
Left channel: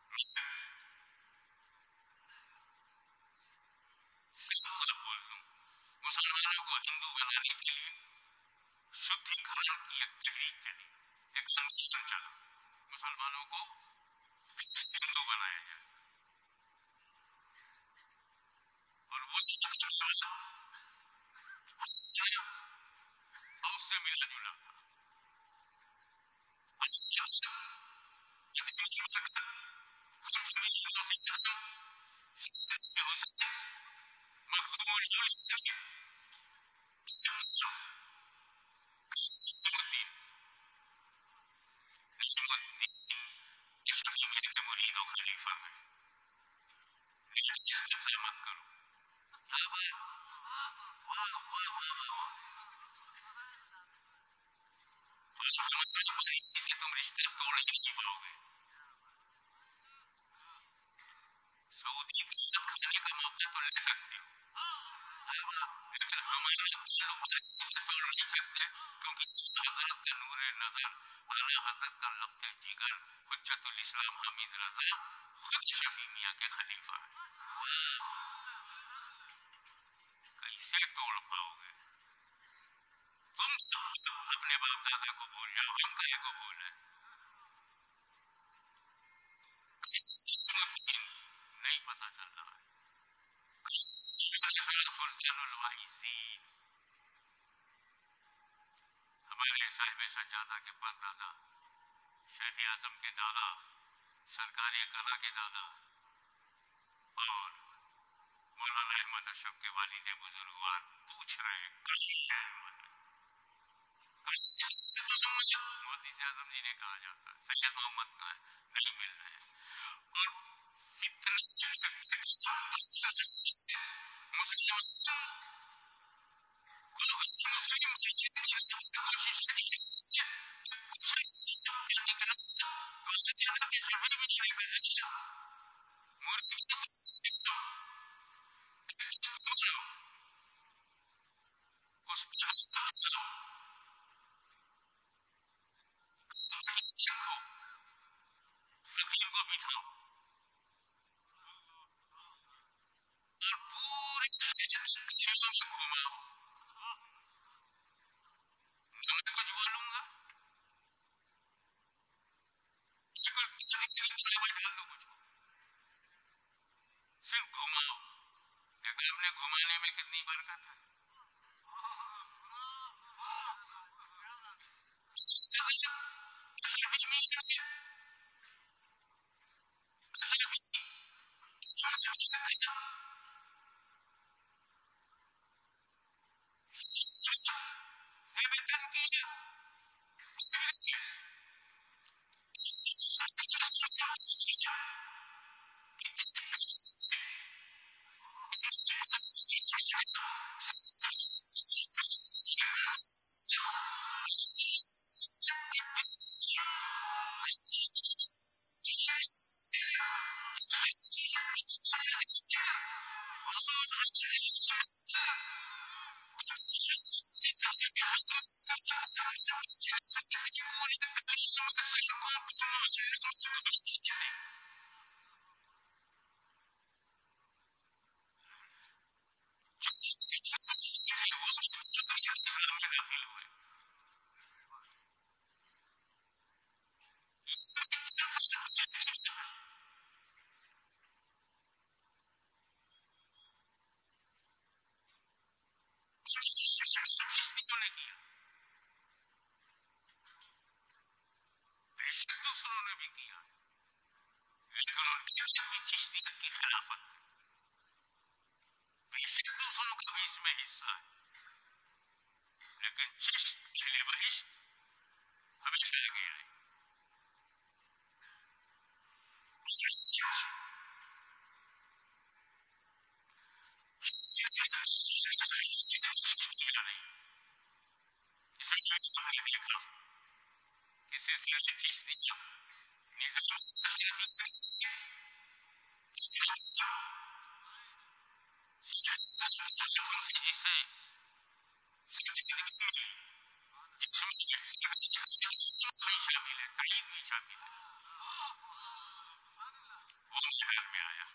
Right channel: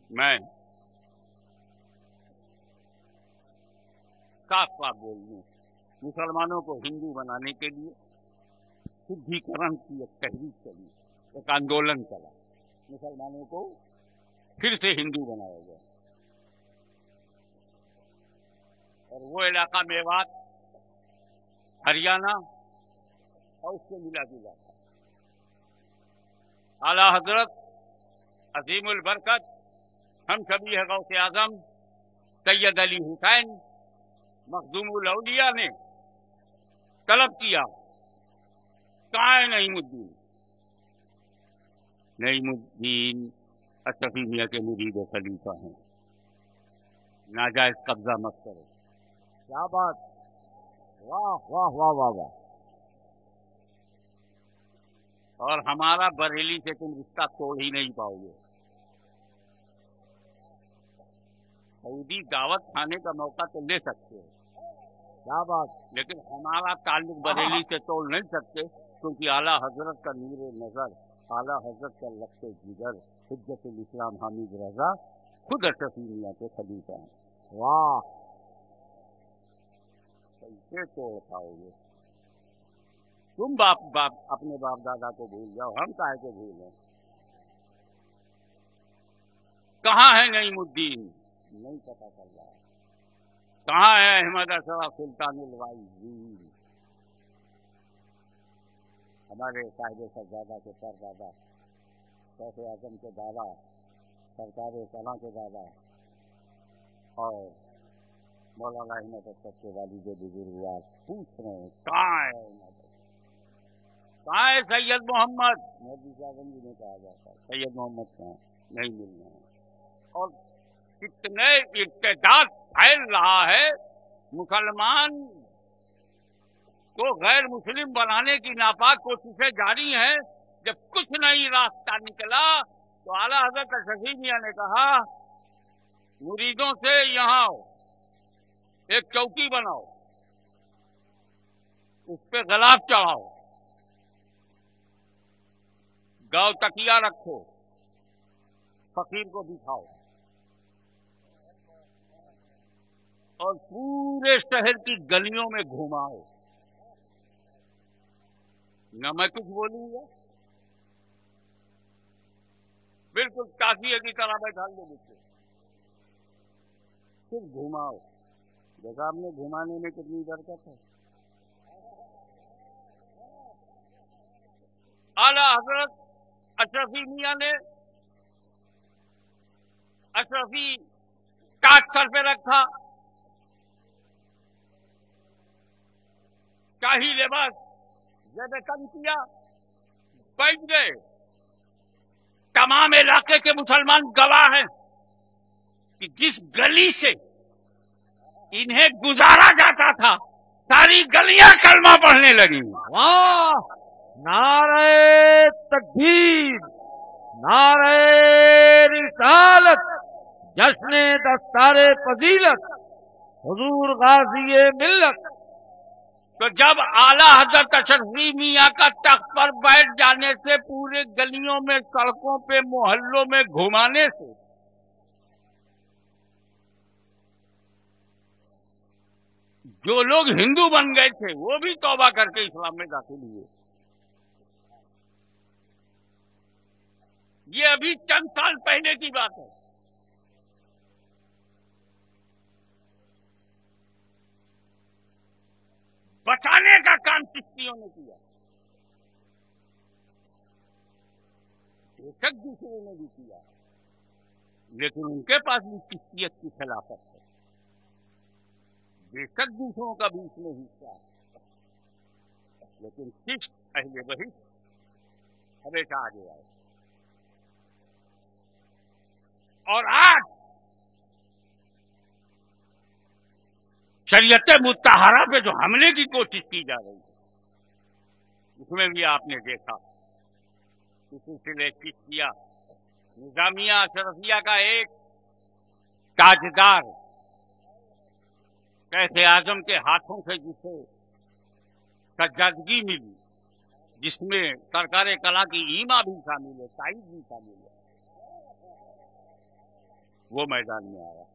मैं साफ साफ बोल दूं, मुसलमानों को हिंदू बनाने के लिए शुद्धिकरण की एक तहरीक चली, एक आंदोलन चला, मुसलमानों को फिर से हिंदू बनाया जाए। और वो इलाका मेवात, हरियाणा और उससे मिला जुला था। आला हजरत अजीमुल बरकत हम शबीह गौसे आजम सैयद अली हुसैन मखदूमुल औलिया ने तलब किया, कहाँ है नईमुद्दीन? नईमुद्दीन अशरफी मियाँ के मुरीद और खलीफा हैं, नाजायज कब्जा मत करो। क्या बात, वाह वाह वाह वाह वाह। और हमारा बरेली से तुम रिश्ता तोड़ ही नहीं पाओगे। सऊदी दावत खाने का मौका तो ले सकते हो, क्या बात, लेकिन हमारा ताल्लुक बरेली से तोड़ नहीं सकते, क्योंकि आला हजरत का नूरे नजर, आला हजरत का लख्ते जिगर हुज्जतुल इस्लाम हामिद रजा खुद अशरफी मियाँ के खलीफा हैं। वाह, कैसे तोड़ पाओगे? तुम अपने बाप दादा को भूल जाओ, हम काहे को भूलें? कहां है नईमुद्दीन? नहीं पता चल रहा है। कहां है अहमद अशरफ सुल्तानुल वाइजीन? हमारे साहिब सज्जादा के परदादा, शेख आजम के दादा, सरकार कला के दादा और मौलाना अहमद अशरफ के वालिद बुजुर्गवार पूछ रहे हैं, कहाँ है अहमद अशरफ? कहाँ है सैयद मोहम्मद? मोदी से आजम जी ने कहा जाता, सैयद मोहम्मद कहाँ है? नहीं मिल रहे हैं। और कितने इर्तिदाद फैल रहा है, मुसलमान को गैर मुस्लिम बनाने की नापाक कोशिशें जारी हैं। जब कुछ नहीं रास्ता निकला तो आला हजरत अशरफी मियाँ ने कहा, मुरीदों से यहां आओ, एक चौकी बनाओ, उस पे गलाफ चढ़ाओ, गांव तकिया रखो, फकीर को बिठाओ और पूरे शहर की गलियों में घुमाओ। न मैं कुछ बोलूंगा, बिल्कुल ताजिए की तरह बैठा लो मुझको, सिर्फ घुमाओ। देखा आपने घुमाने में कितनी बरकत है। आला हजरत अशरफी मियाँ ने अशरफी ताज सर पे रखा, शाही लिबास ज़ेब तन किया, बैठ गए। तमाम इलाके के मुसलमान गवाह हैं कि जिस गली से इन्हें गुजारा जाता था, सारी गलियां कलमा पढ़ने लगी। वाह, नारे तकबीर, नारे रिसालत, जश्ने दस्तारे फजीलत, हुजूर गाज़ी मिल्लत। तो जब आला हजरत अशरफी मियाँ का तख्त पर बैठ जाने से, पूरे गलियों में, सड़कों पे, मोहल्लों में घुमाने से जो लोग हिंदू बन गए थे वो भी तौबा करके इस्लाम में दाखिल हुए। ये अभी चंद साल पहले की बात है। बचाने का काम चिश्तियों ने किया, बेशक दूसरों ने भी किया, लेकिन उनके पास भी चिश्तियत की खिलाफत है। बेशक दूसरों का भी इसमें हिस्सा है, लेकिन चिश्त अहले बहिश्त हमेशा आगे आए। और आज शरीयत मुत्तहरा पे जो हमले की कोशिश की जा रही है, इसमें भी आपने देखा कि सिलसिले चिश्तिया निजामिया अशरफिया का एक ताजदार शेख आजम के हाथों से जिसे सज्जादगी मिली, जिसमें सरकार कला की ईमा भी शामिल है, ताईद भी शामिल है, वो मैदान में आया।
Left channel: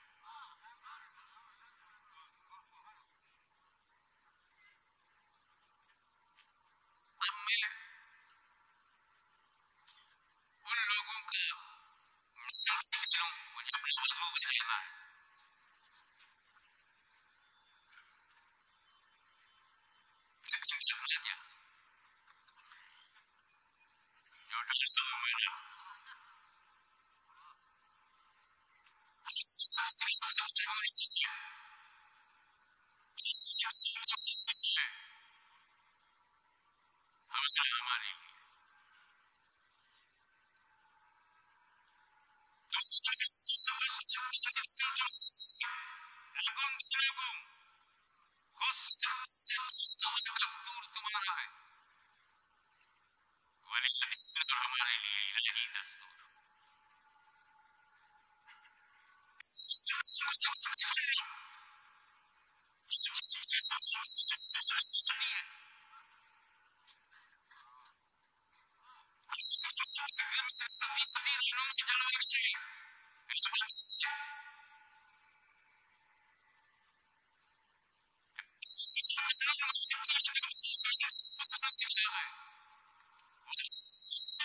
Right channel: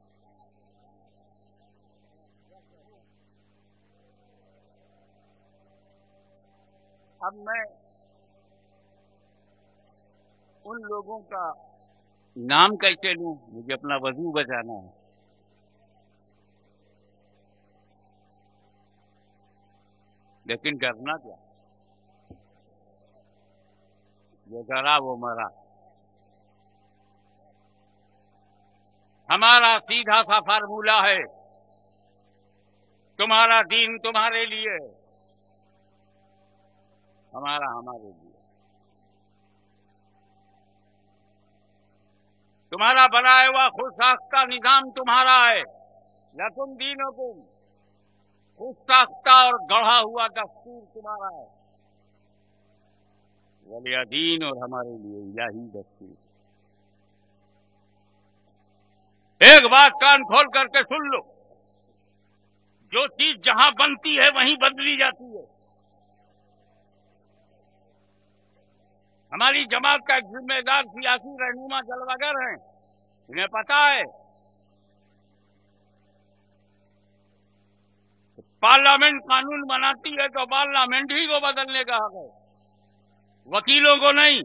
अब मैं उन लोगों का नाम कैसे लूं, मुझे अपना वजू बचाना है। लेकिन डरना क्या, जो डरा वो मरा। हमारा सीधा सा फार्मूला है, तुम्हारा दीन तुम्हारे लिए, हमारा हमारे लिए। तुम्हारा बनाया हुआ खुद साख्ता निजाम तुम्हारा है, लकुम दीनुकुम, खुद साख्ता और गढ़ा हुआ दस्तूर तुम्हारा है, वलिया दीन और हमारे लिए इलाही दस्तूर। एक बात कान खोल करके सुन लो, जो चीज जहां बनती है वहीं बदली जाती है। हमारी जमात का एक जिम्मेदार सियासी रहनुमा जलवागर हैं, इन्हें पता है कि पार्लियामेंट कानून बनाती है तो पार्लियामेंट ही को बदलने का हक है, वकीलों को नहीं।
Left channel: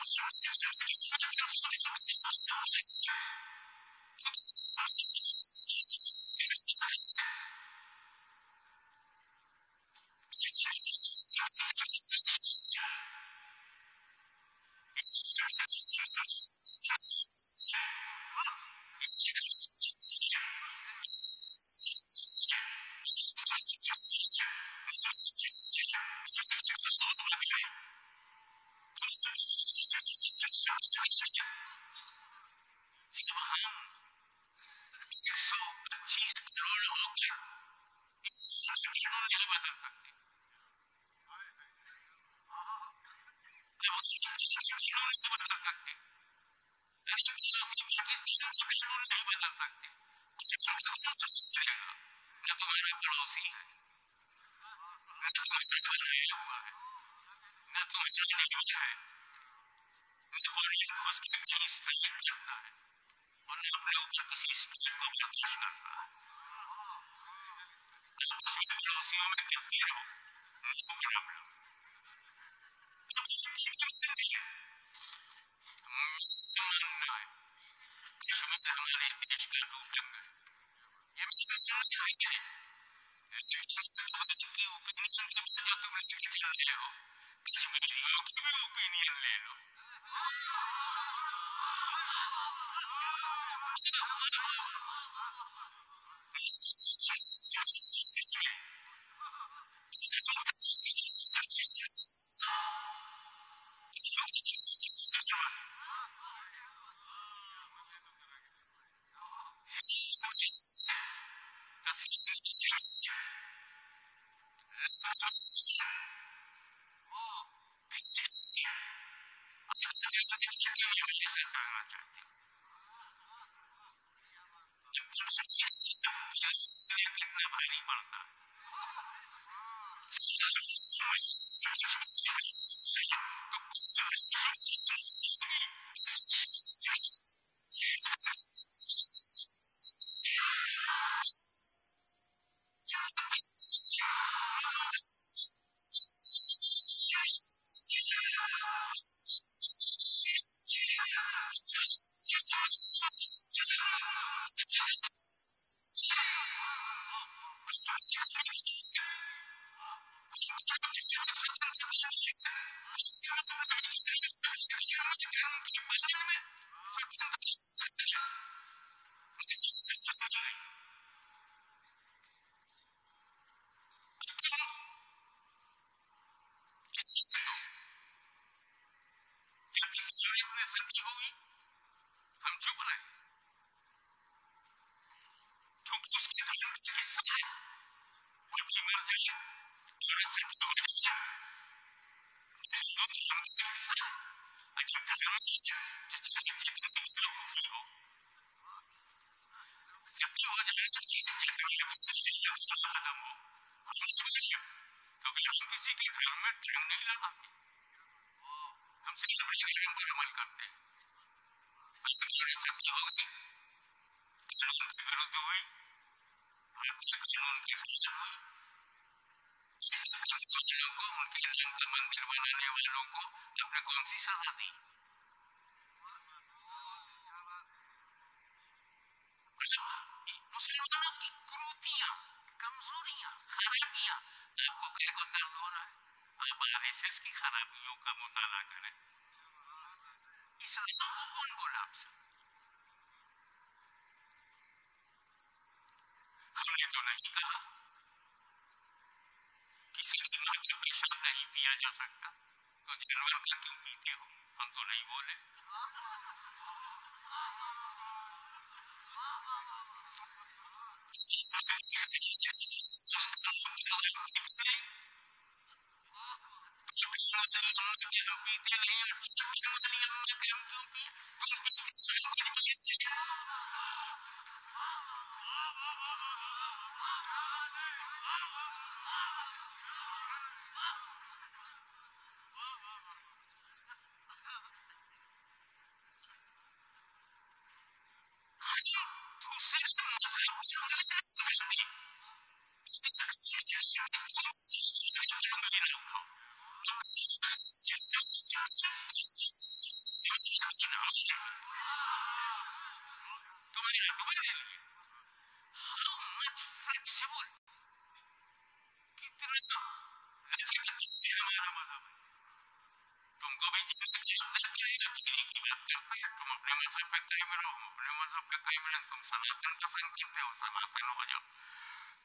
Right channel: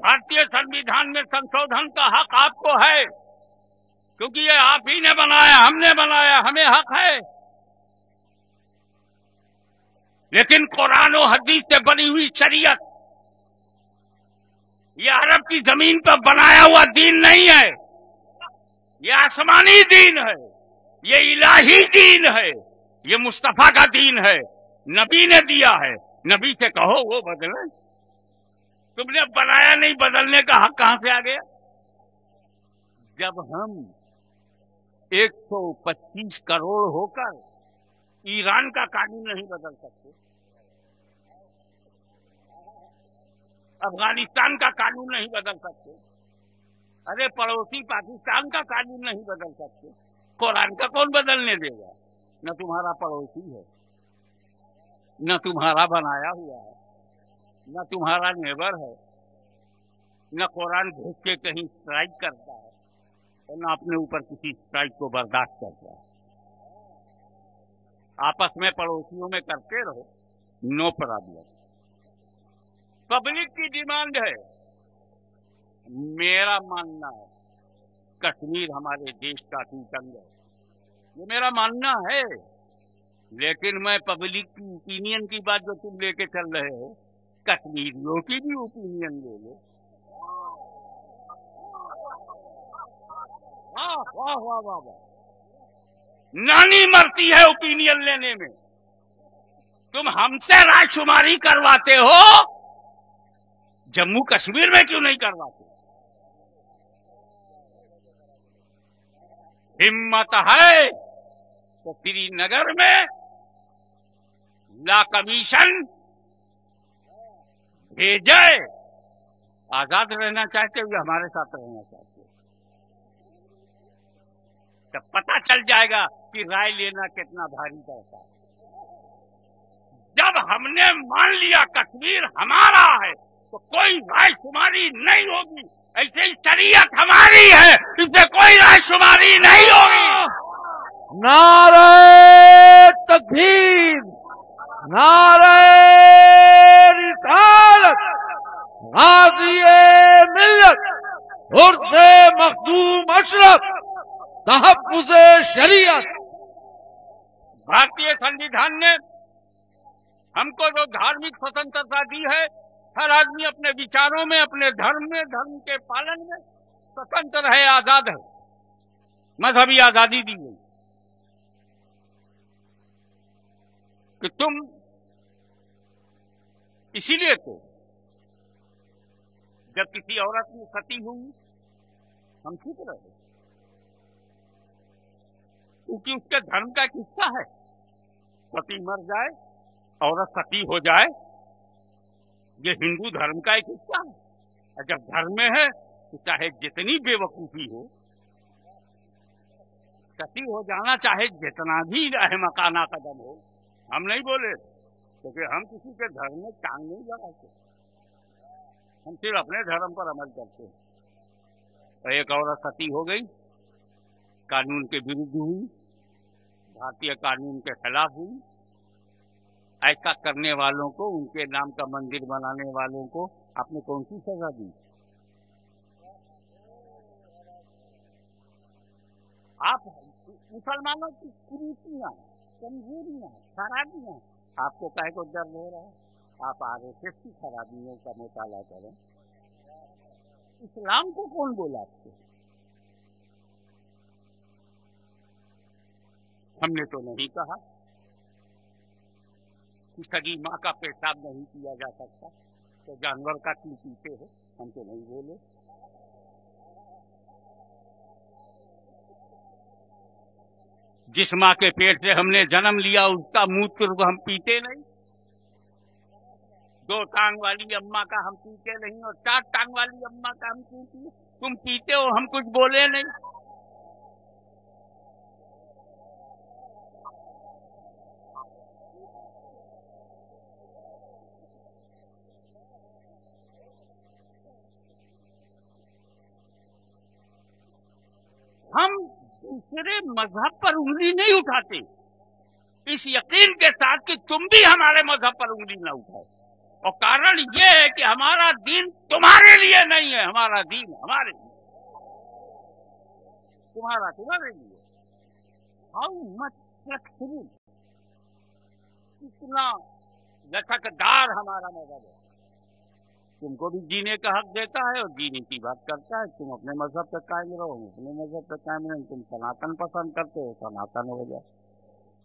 भारतीय संविधान में संशोधन का हक आपको है, क्योंकि ये आप ही ने बनाया, हमने बनाया, हमें हक है। लेकिन कुरान और हदीस से बनी हुई शरीयत ये अरब की जमीन पर बनाया हुआ दीन नहीं है, ये आसमानी दीन है, ये इलाही दीन है, ये मुस्तफा का दीन है, नबी ने दिया है। नबी से कहो वो बदले, तुमने बनाया नहीं, बदलने का हक कहां से आ गया? जब हम 125 करोड़ होकर ईरान का कानून नहीं बदल सकते, अफगानिस्तान का कानून नहीं बदल सकते, अरे पड़ोसी पाकिस्तान का कानून नहीं बदल सकते, कुरान का कौन बदलने देगा? न तुम्हारा पड़ोसी है, न तुम्हारा बनाया हुआ है, न तुम्हारा नेबर है, न कुरान घुस के कहीं स्ट्राइक करता है और न अपने ऊपर किसी स्ट्राइक को बर्दाश्त करता है। आपस में पड़ोसियों में करते रहो, नो प्रॉब्लम। पब्लिक की डिमांड है, मेरा मानना है कश्मीर हमारे देश का अटूट अंग है, ये मेरा मानना है। लेकिन मैं पब्लिक की ओपिनियन की बात जो तुम लेके चल रहे हो, कश्मीरियों की भी ओपिनियन ले लो। वाह वाह वाह वाह वाह। नानी मरती है ओपिनियन लेने में, तुम हमसे रायशुमारी करवाते हो, जम्मू कश्मीर में क्यों नहीं करवाते? हिम्मत है तो श्रीनगर में ला कमीशन भेजे। आजाद रहना चाहते हो या हमारे साथ रहना चाहते हो? तब पता चल जाएगा कि राय लेना कितना भारी पड़ता है। जब हमने मान लिया कश्मीर हमारा है तो कोई रायशुमारी नहीं होगी। ऐसे ही शरीयत हमारी है, इससे कोई रायशुमारी नहीं होगी। नारे तकबीर, नारे रिसालत, गाज़ी-ए मिल्लत उर्से मखदूम अशरफ, तहफ्फुज़े शरीयत। भारतीय संविधान ने हमको जो धार्मिक स्वतंत्रता दी है, हर आदमी अपने विचारों में, अपने धर्म में, धर्म के पालन में स्वतंत्र है, आजाद है। मजहबी आजादी दी गई कि तुम, इसीलिए तो जब किसी औरत ने सती हुई हम चुप रहे क्योंकि उसके धर्म का एक हिस्सा है। पति मर जाए, औरत सती हो जाए, ये हिंदू धर्म का एक हिस्सा है। और जब धर्म में है तो चाहे जितनी बेवकूफी हो, सती हो जाना चाहे जितना भी अहमकाना कदम हो, हम नहीं बोले, क्योंकि हम किसी के धर्म में टांग नहीं लगाते। हम सिर्फ अपने धर्म पर अमल करते हैं। और एक औरत सती हो गई, कानून के विरुद्ध हुई, भारतीय कानून के खिलाफ हुई। ऐसा करने वालों को, उनके नाम का मंदिर बनाने वालों को आपने कौन सी सजा दी? आप मुसलमानों की कुरीतियां, कमजोरियां, खराबियां आपको काहे को दर्द हो रहा है? आप आरएसएस की खराबियों का मुताला करें। इस्लाम को कौन बोला आपसे? हमने तो नहीं कहा कि सगी मां का पेशाब नहीं पिया जा सकता, तो जानवर का क्यों पीते हो? हम तो नहीं बोले। जिस मां के पेट से हमने जन्म लिया उसका मूत्र तो हम पीते नहीं। 2 टांग वाली अम्मा का हम पीते नहीं, और 4 टांग वाली अम्मा का हम क्यों पिए? तुम पीते हो, हम कुछ बोले नहीं। हम दूसरे मजहब पर उंगली नहीं उठाते, इस यकीन के साथ कि तुम भी हमारे मजहब पर उंगली ना उठाओ। और कारण यह है कि हमारा दीन तुम्हारे लिए नहीं है, हमारा दीन हमारे लिए, तुम्हारा तुम्हारे लिए। हाउ मच फ्लेक्सिबल, कितना लचकदार हमारा मजहब है। तुमको भी जीने का हक देता है और जीने की बात करता है। तुम अपने मजहब पे कायम रहो, हम अपने मजहब पे कायम रहें। तुम सनातन पसंद करते हो, सनातन हो जाओ।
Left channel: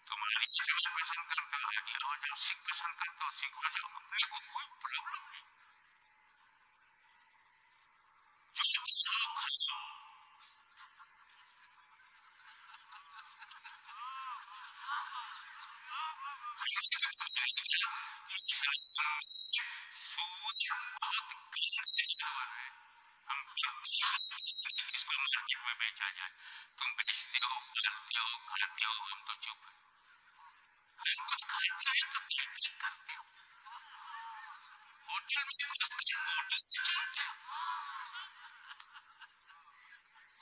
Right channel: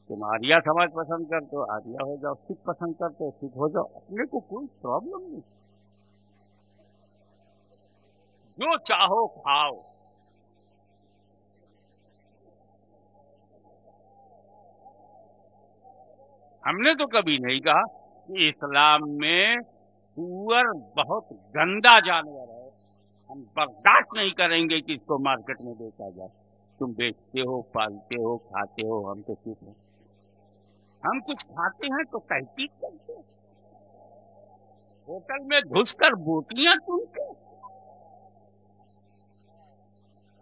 तुम आर्या समाज पसंद करते हो, आर्या हो जाओ। सिख पसंद करते हो, सिख हो जाओ। अपने को कोई प्रॉब्लम नहीं, जो चाहो खाओ। हमने तो कभी नहीं कहा कि इस्लाम में सूअर बहुत गंदा जानवर है, हम बर्दाश्त नहीं करेंगे कि इसको मार्केट में बेचा जाए। तुम बेचते हो, पालते हो, खाते हो, हम तो चुप हैं। हम कुछ खाते हैं तो तहकीक करते हो, होटल में घुसकर बोटियां चुनते हो।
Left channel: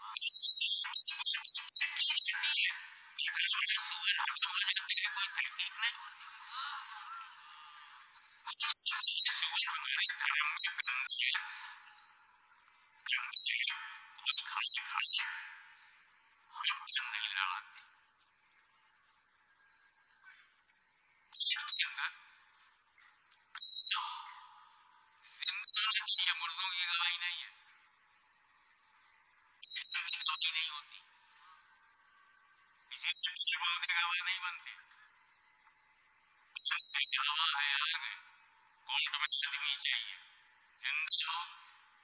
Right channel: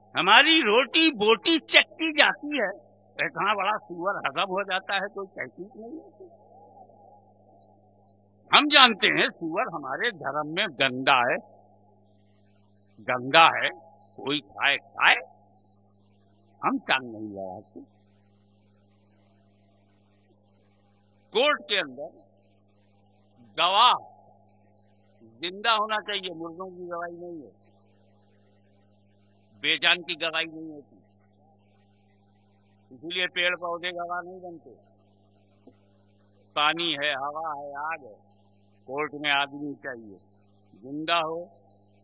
हमारी रोटी बोटी चेक की जाती है, इतना बड़ा सूअर हजम हो जाता है, कोई तहकीक नहीं होती। हम जानते हैं सूअर हमारे धर्म में गंदा है, गंदा है, कोई खाए खाए, हम टांग नहीं लड़ाते। कोर्ट के अंदर गवाह जिंदा होना चाहिए, मुर्दों की गवाही नहीं है, बेजान की गवाही नहीं होती। इसीलिए पेड़ पौधे गवाह नहीं बनते। पानी है, हवा है, आग है, कोर्ट में आदमी चाहिए, जिंदा हो,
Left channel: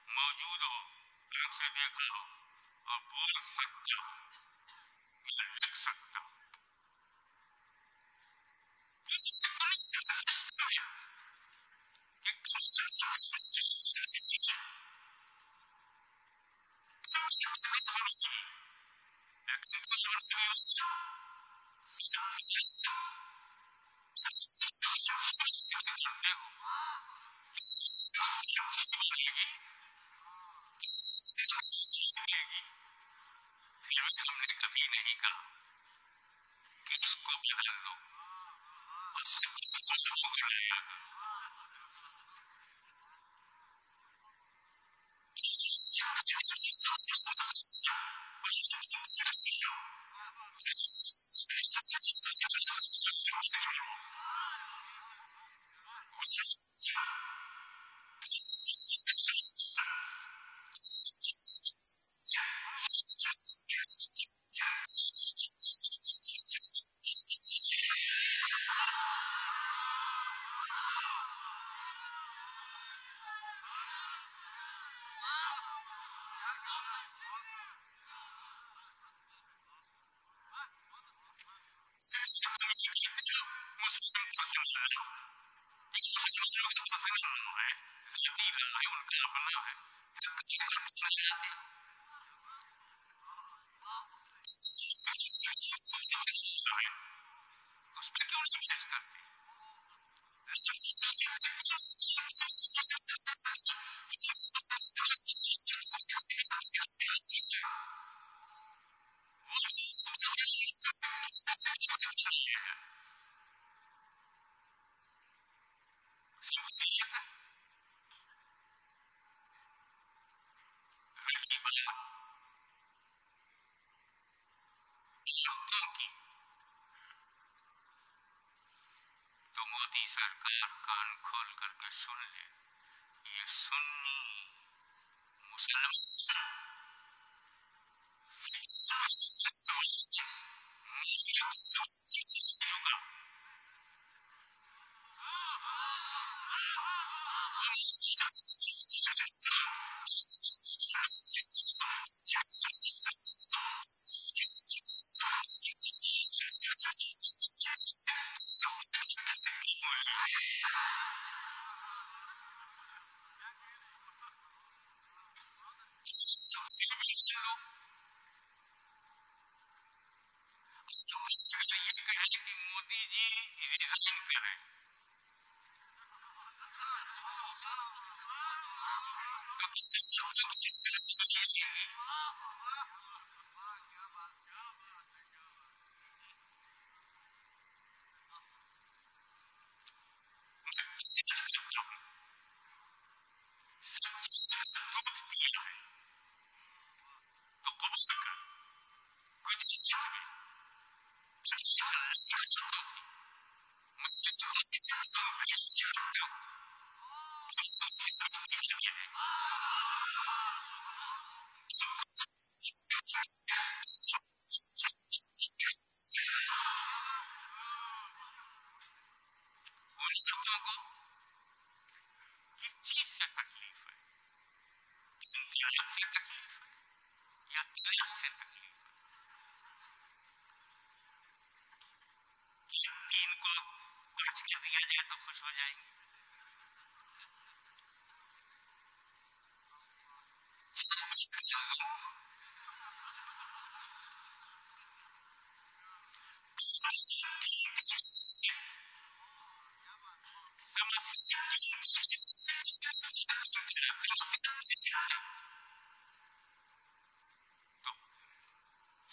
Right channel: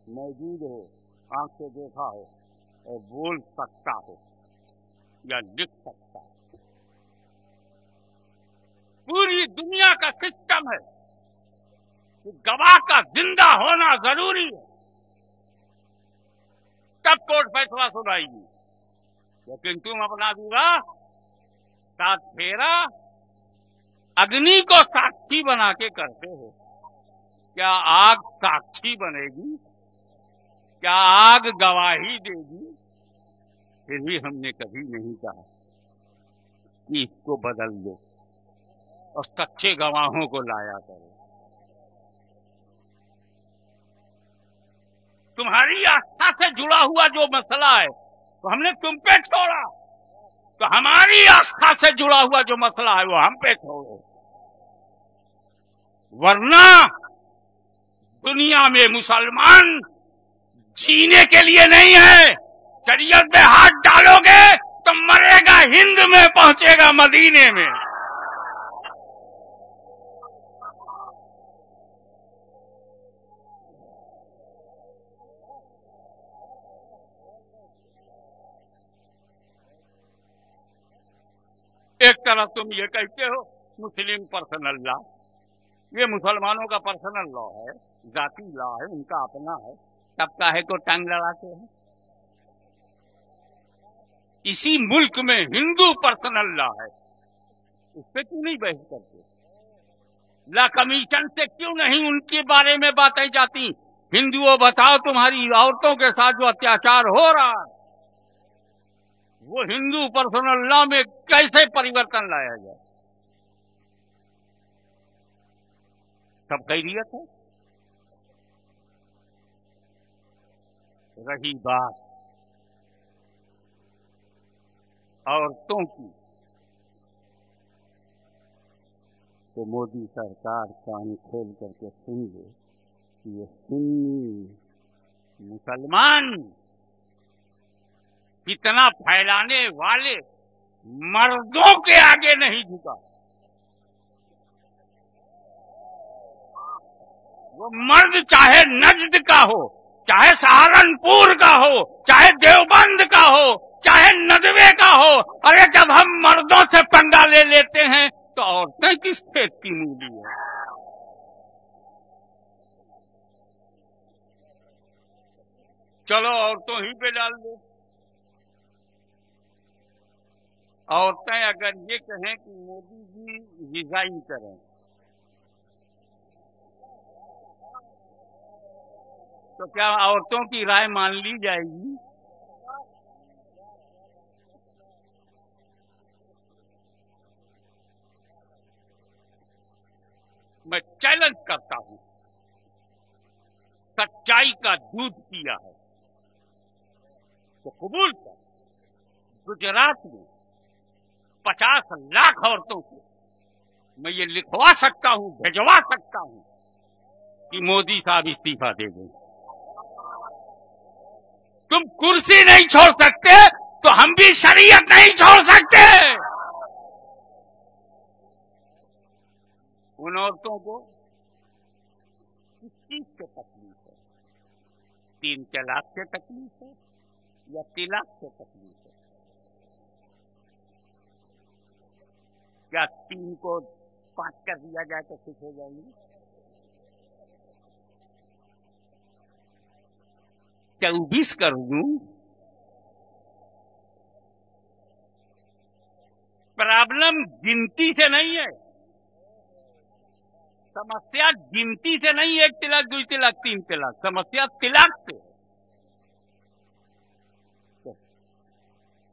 मौजूद हो, आंख से देखा हो और बोल सकता हो या लिख सकता हो। पूरी दुनिया का सिस्टम है कि गवाह का जिंदा होना जरूरी है, तब कोर्ट फैसला सुनाएगी। लेकिन तुम अपना विवाह 7 फेरा अग्नि को साक्षी बना के करते हो। क्या आग साक्षी बनेगी? क्या आग गवाही देगी? फिर भी हमने कभी नहीं कहा कि इसको बदल दो और सच्चे गवाहों को लाया करो। तुम्हारी आस्था से जुड़ा हुआ जो मसला है वो हमने तुम पे छोड़ा, तो हमारी आस्था से जुड़ा हुआ जो मसला है वो हम पे छोड़ो। वरना दुनिया में मुसलमान जीने के लिए नहीं है। शरीयत में हाथ डालोगे तो मरेगा हिंद में, पहुंचेगा मदीने में। तरह तुम ये कहते हो मुस्लिम पर्सनल लॉ, ये मुसलमानों का पर्सनल लॉ है, जाती लॉ है, उनका अपना है, तब काहे को टांग लड़ाते हो? इसी मुल्क में हिंदू पर्सनल लॉ है, उस पर क्यों नहीं बहस करते? लॉ कमीशन से क्यों नहीं उनके बारे में बातें जाती? हिंदुओं बताओ, तुम्हारी औरतों के साथ जो अत्याचार हो रहा है वो हिंदू पर्सनल लॉ में कैसे परिवर्तन लाया जाए? सब खैरियत है। रही बात औरतों की, तो मोदी सरकार कान खोल करके सुन ले, ये सुन्नी मुसलमान फितना फैलाने वाले मर्दों के आगे नहीं झुका। वो मर्द चाहे नजद का हो, चाहे सहारनपुर का हो, चाहे देवबंद का हो, चाहे नदवे का हो, अरे जब हम मर्दों से पंगा ले लेते हैं तो औरतें किस खेत की मूली है? चलो औरतों ही पे डाल दो। औरतें अगर ये कहें कि मोदी जी रिजाइन करें तो क्या औरतों की राय मान ली जाएगी? मैं चैलेंज करता हूं, सच्चाई का दूध पिया है तो कबूल कर, गुजरात में 50 लाख औरतों से मैं ये लिखवा सकता हूं, भिजवा सकता हूं कि मोदी साहब इस्तीफा दे दें। तुम कुर्सी नहीं छोड़ सकते तो हम भी शरीयत नहीं छोड़ सकते। उन औरतों को किस चीज से तकलीफ है? 3 तलाक से तकलीफ है या तिलाक से तकलीफ है? क्या 3 को 5 कर दिया जाए तो खुश हो जाएंगी? 24 कर दूं? प्रॉब्लम गिनती से नहीं है, समस्या गिनती से नहीं, 1 तिलाक 2 तिलाक 3 तिलाक, समस्या तिलाक से। तो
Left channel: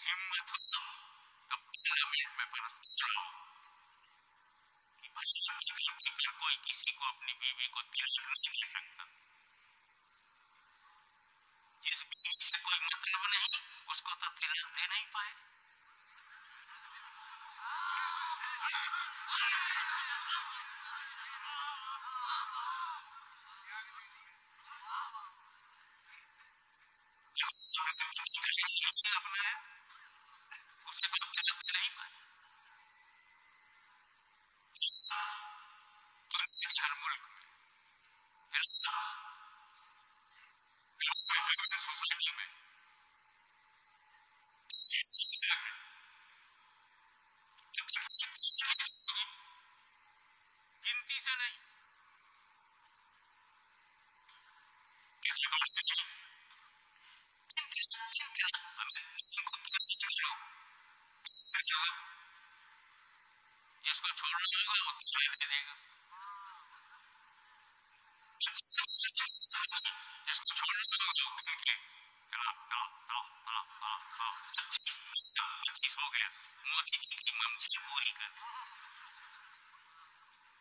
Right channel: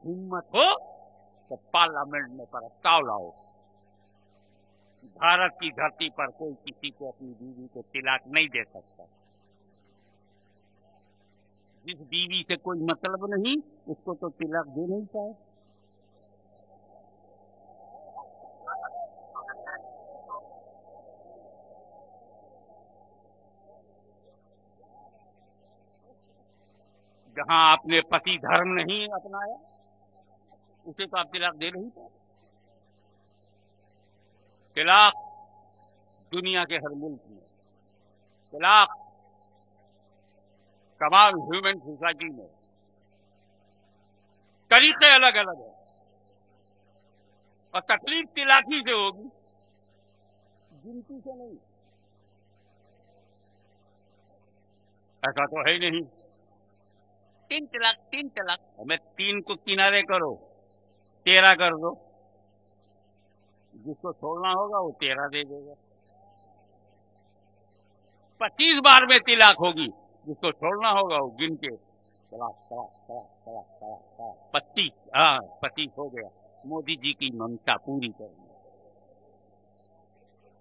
हिम्मत हो तो पार्लियामेंट में प्रस्ताव लाओ कि भारत की धरती पर कोई किसी को अपनी बीवी को तिलाक नहीं दे सकता। जिस बीवी से कोई मतलब नहीं उसको तो तिलाक दे नहीं पाए। जहां आपने पति धर्म नहीं अपनाया उसे तो आप तिलाक दे नहीं पाए। तिलाक दुनिया के हर मुल्क में, तिलाक तमाम ह्यूमन सोसाइटी में तरीके अलग अलग हैं और तकलीफ तिलाक ही से होगी, गिनती से नहीं। ऐसा तो है ही नहीं 3 तलाक 3 तलाक, हमें 3 को किनारे करो, 13 कर दो। जिसको छोड़ना होगा वो 13 दे देगा। 25 बार में तिलाक होगी, जिसको छोड़ना होगा वो गिन के तलाक तलाक तलाक तलाक तलाक तलाक 25, हाँ 25 हो गया। मोदी जी की मंशा पूरी कर दी।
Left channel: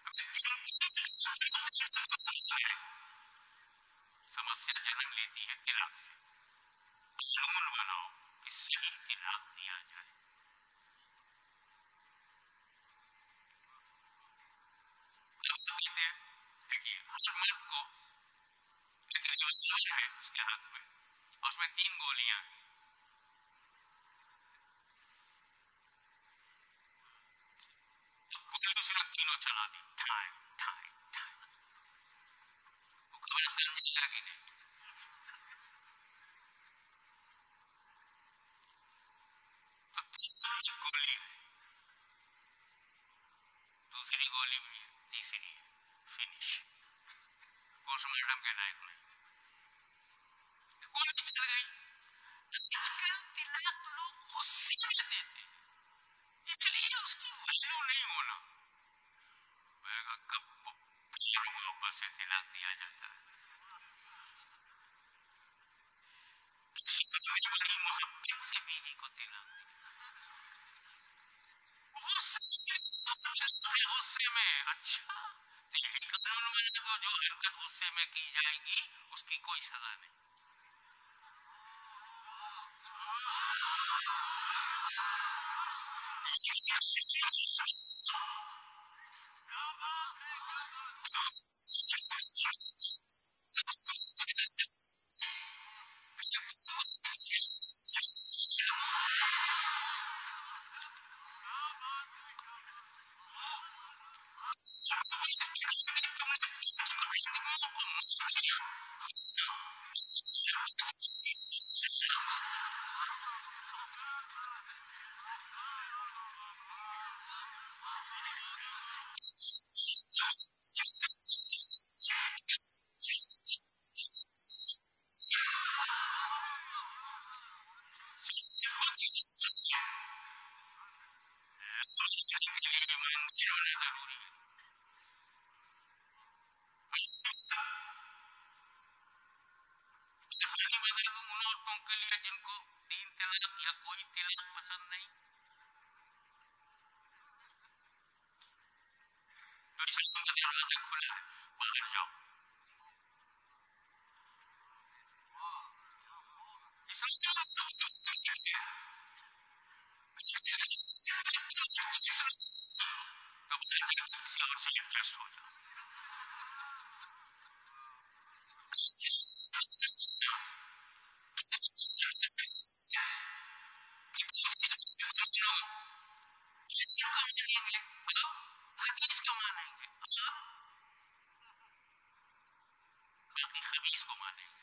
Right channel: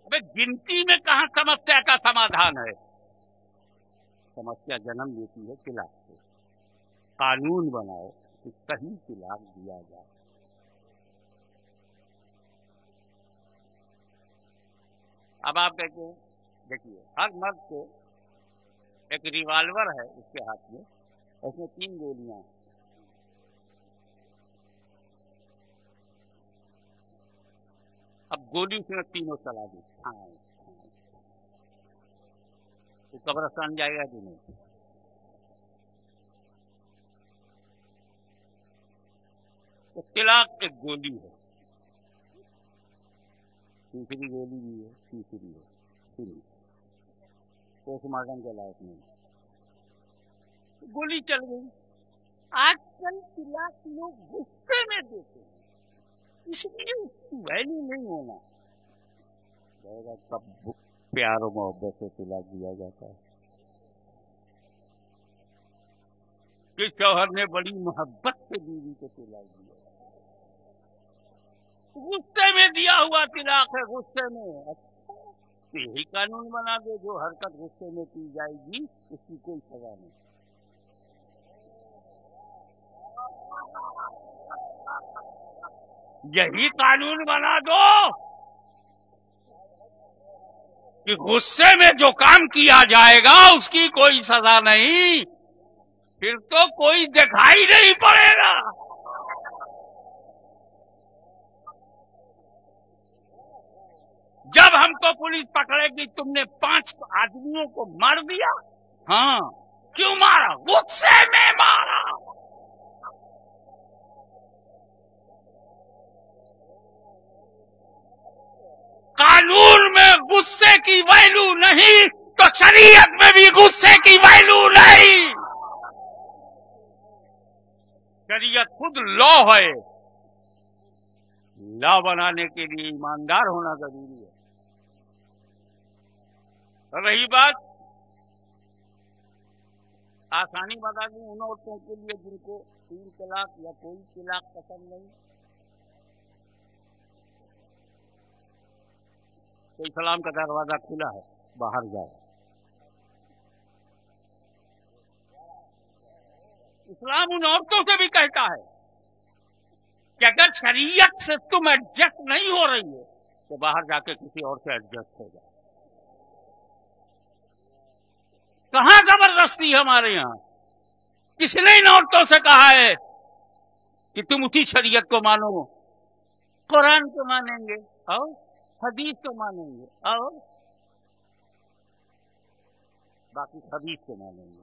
अबे गिनती में कहां समस्या का समाधान है? समस्या जन्म लेती है तिलाक से। कानून बनाओ कि सही तिलाक दिया जाए। अब आप कहते हैं, देखिए हर मर्द को एक रिवॉल्वर है उसके हाथ में, उसमें 3 गोलियां हैं। अब गोली उसने तीनों चला दी, ठाए ठाए ठाए, वो कब्रिस्तान जाएगा कि नहीं? तो तिलाक एक गोली है, दूसरी गोली भी है, तीसरी है, फिनिश, पोस्टमार्टम के लायक नहीं, गोली चल गई। आजकल तिलक लोग गुस्से में देते हैं, इसलिए उसकी वैल्यू नहीं होना। बैगा कब प्यार और मोहब्बत से तिलक दिया जाता है कि शौहर ने बड़ी मोहब्बत से बीवी को तिलक दिया, गुस्से में दिया हुआ तिलक है, गुस्से में। अच्छा, तो यही कानून बना दो, जो हरकत गुस्से में की जाएगी उसकी कोई सजा नहीं। यही कानून बना दो कि गुस्से में जो काम किया जाएगा उसकी कोई सजा नहीं, फिर तो कोई दिखाई नहीं पड़ेगा। जब हमको पुलिस पकड़ेगी तुमने 5 आदमियों को मार दिया, हाँ, क्यों मारा? गुस्से में मारा। कानून में गुस्से की वैल्यू नहीं तो शरीयत में भी गुस्से की वैल्यू नहीं। शरीयत खुद लॉ है, लॉ बनाने के लिए ईमानदार होना जरूरी है। रही बात, आसानी बता दूं उन औरतों के लिए जिनको 3 तलाक या कोई तलाक पसंद नहीं, तो इस्लाम का दरवाजा खुला है, बाहर जाओ। इस्लाम उन औरतों से भी कहता है कि अगर शरीयत से तुम एडजस्ट नहीं हो रही हो तो बाहर जाके किसी और से एडजस्ट हो जाओ। कहां जबरदस्ती हमारे यहां? किसने इन औरतों से कहा है कि तुम उसी शरीयत को मानो? कुरान को मानेंगे और हदीस को मानेंगे और बाकी खबीस को मानेंगे।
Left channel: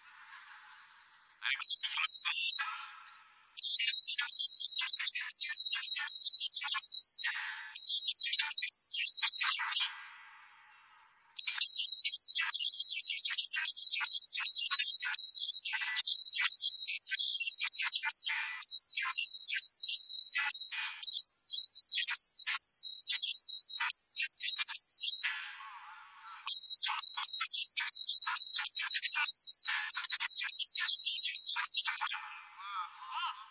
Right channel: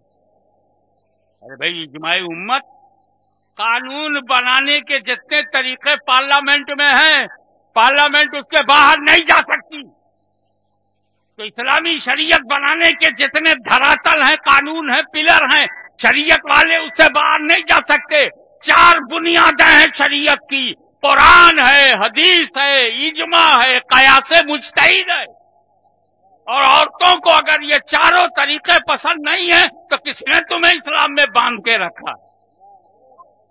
अरे भाई, इजमाई उम्मत, कानून बनाने के जितने तरीके पार्लियामेंट में हैं, पार्लियामेंट उसके बाहर नहीं जा सकती। तो इस्लामी शरीयत बनाने के जितने धरातल हैं, कानून हैं, पिलर हैं, शरीयत वाले उससे बाहर नहीं जा सकते। 4 बुनियादें हैं शरीयत की, कुरान है, हदीस है, इजमा है, कयासे मुज्तहिद है। और औरतों को अगर ये चारों तरीके पसंद नहीं है तो किसने तुम्हें इस्लाम में बांध के रखा?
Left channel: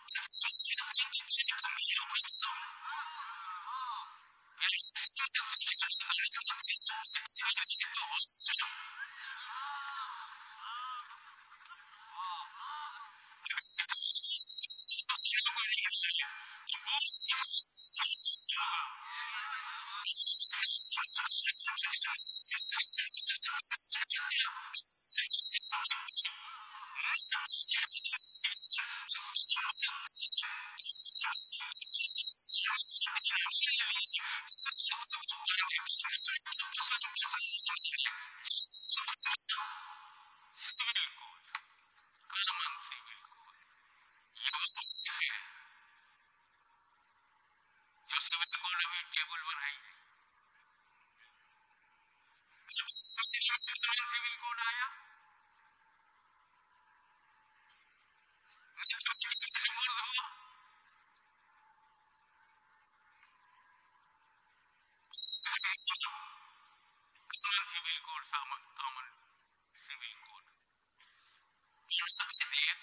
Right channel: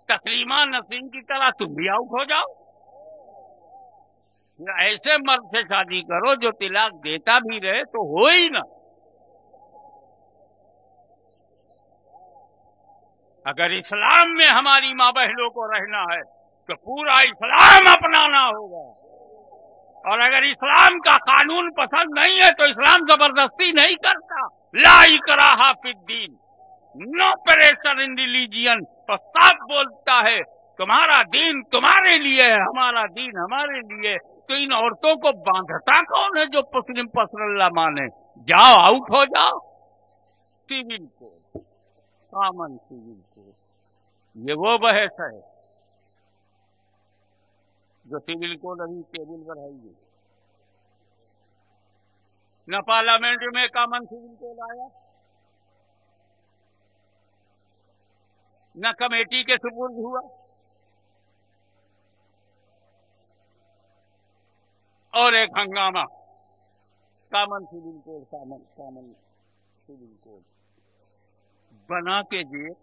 तस्लीमा नसीम की तरह तुम भी आउट हो जाओ। फिर ऐसे मर्द से शादी करो जो तिलाक देता भी रहे तो हो ही ना। अगर इस्लाम में हमारी माँ बहनों को रहना है तो पूरा इस्लाम अपनाना होगा। और अगर इस्लाम का कानून पसंद नहीं है तो इस्लाम जबरदस्ती नहीं करता। ला इकराहा फिद्दीन, नो प्रेशर इन रिलीजियन। और साफ बोलता है तुम्हारा दीन तुम्हारे लिए है, हमारा दीन हमारे लिए। तो इन औरतों को बांधता कौन है जो मुस्लिम पसरल्ला माने? जाओ, आउट हो जाओ। Civil code, common civil code, ये वो बहस है जो सिविल कोड अभी टेबल पर है ही नहीं। न पार्लियामेंट में कॉमन सिविल कोड आया, न कमेटी के सुपुर्द हुआ, और एक हंगामा, common civil code, common civil code बना के देख।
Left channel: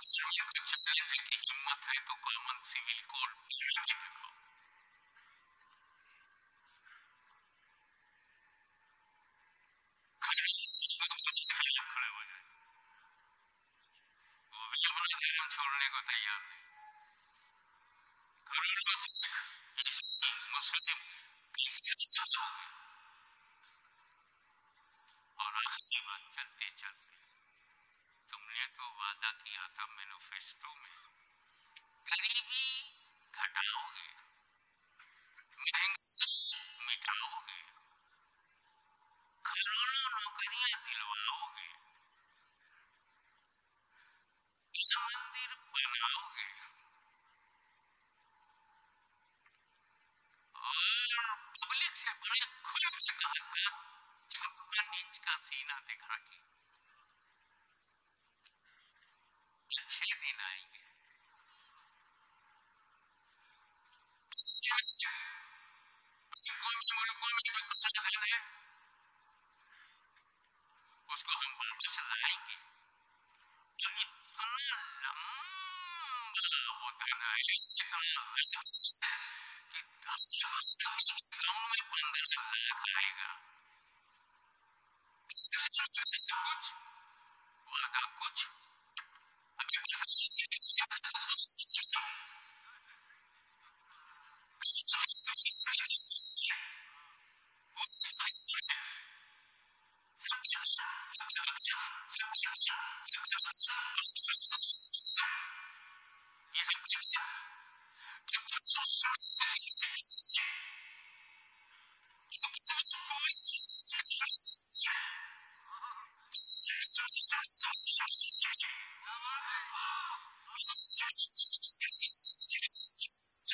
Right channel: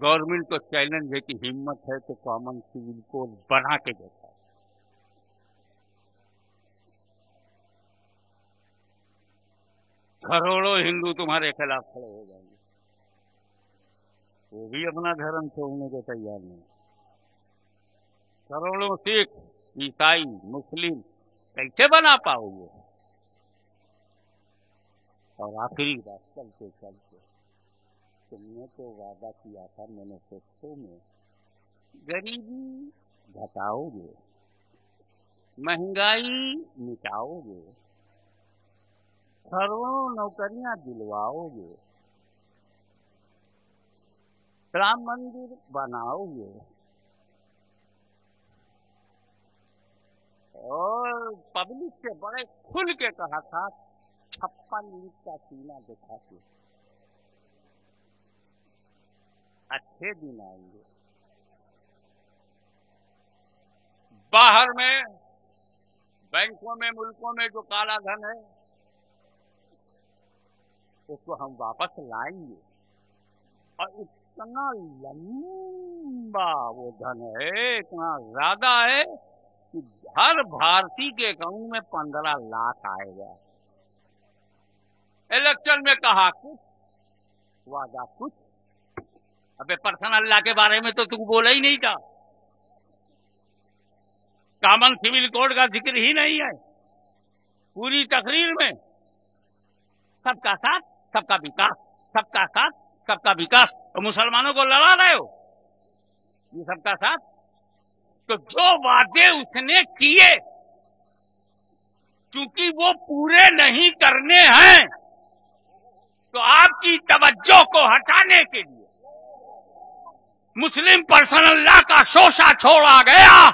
गवर्नमेंट को चैलेंज है कि हिम्मत है तो कॉमन सिविल कोड बना के दिखाओ। करोड़ों हिंदू तुम्हारे खिलाफ खड़े हो जाएंगे, वो भी अपना धर्म छोड़ने को तैयार नहीं। करोड़ों सिख, ईसाई, मुस्लिम कैसे बना पाओगे? और आखिरी बात, चलते चलते, तुमने तो वादा किया था मैनिफेस्टो में, गरीबी घटाओगे, महंगाई मिटाओगे, करोड़ों नौकरियां दिलवाओगे, राम मंदिर बनाओगे। और पब्लिक से बड़े खुल के कहा था 56 इंच का सीना दिखा के अच्छे दिन आएंगे। बाहर में बैंकों में मुल्कों में जो काला धन है उसको हम वापस लाएंगे और इतना लंबा वो धन है, इतना ज्यादा है कि हर भारतीय के अकाउंट में 15 लाख आएगा। इलेक्शन में कहा कुछ, वादा कुछ। अबे पर्सनल लॉ के बारे में तो तू बोला ही नहीं था, कॉमन सिविल कोड का जिक्र ही नहीं है पूरी तकरीर में। सबका साथ सबका विकास, सबका साथ सबका विकास, और मुसलमानों को लड़ा रहे हो ये सबका साथ। तो जो वादे उसने किए चूंकि वो पूरे नहीं करने हैं तो आपकी तवज्जो को हटाने के लिए मुस्लिम पर्सनल लॉ का शोषा छोड़ा गया।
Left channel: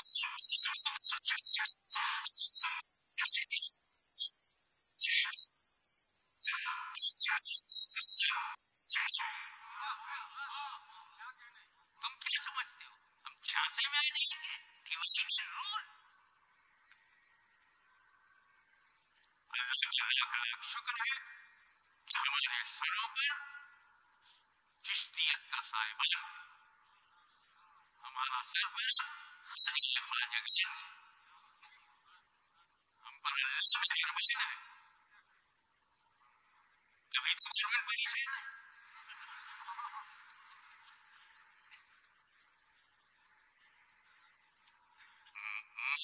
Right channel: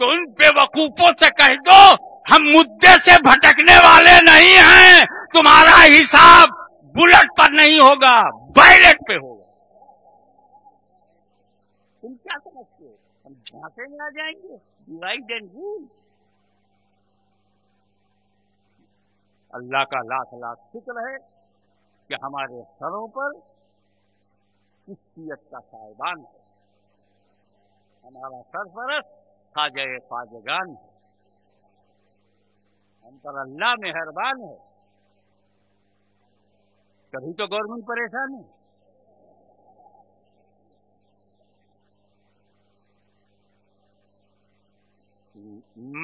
तो उन बेवकूफों से कह दो हम मुद्दे से भटकने वाले नहीं हैं, तुम्हारा हिसाब बुलेट पर नहीं होगा, बैलेट पे होगा। तुम क्या समझते हो हम झांसे में आ जाएंगे? Divide and rule. अल्लाह का लाख लाख शुक्र है कि हमारे सरों पर चिश्तियत का साहिबान है, हमारा सरपरस्त ख्वाजा ख्वाजगान है, हम पर अल्लाह मेहरबान है। तभी तो गवर्नमेंट परेशान है।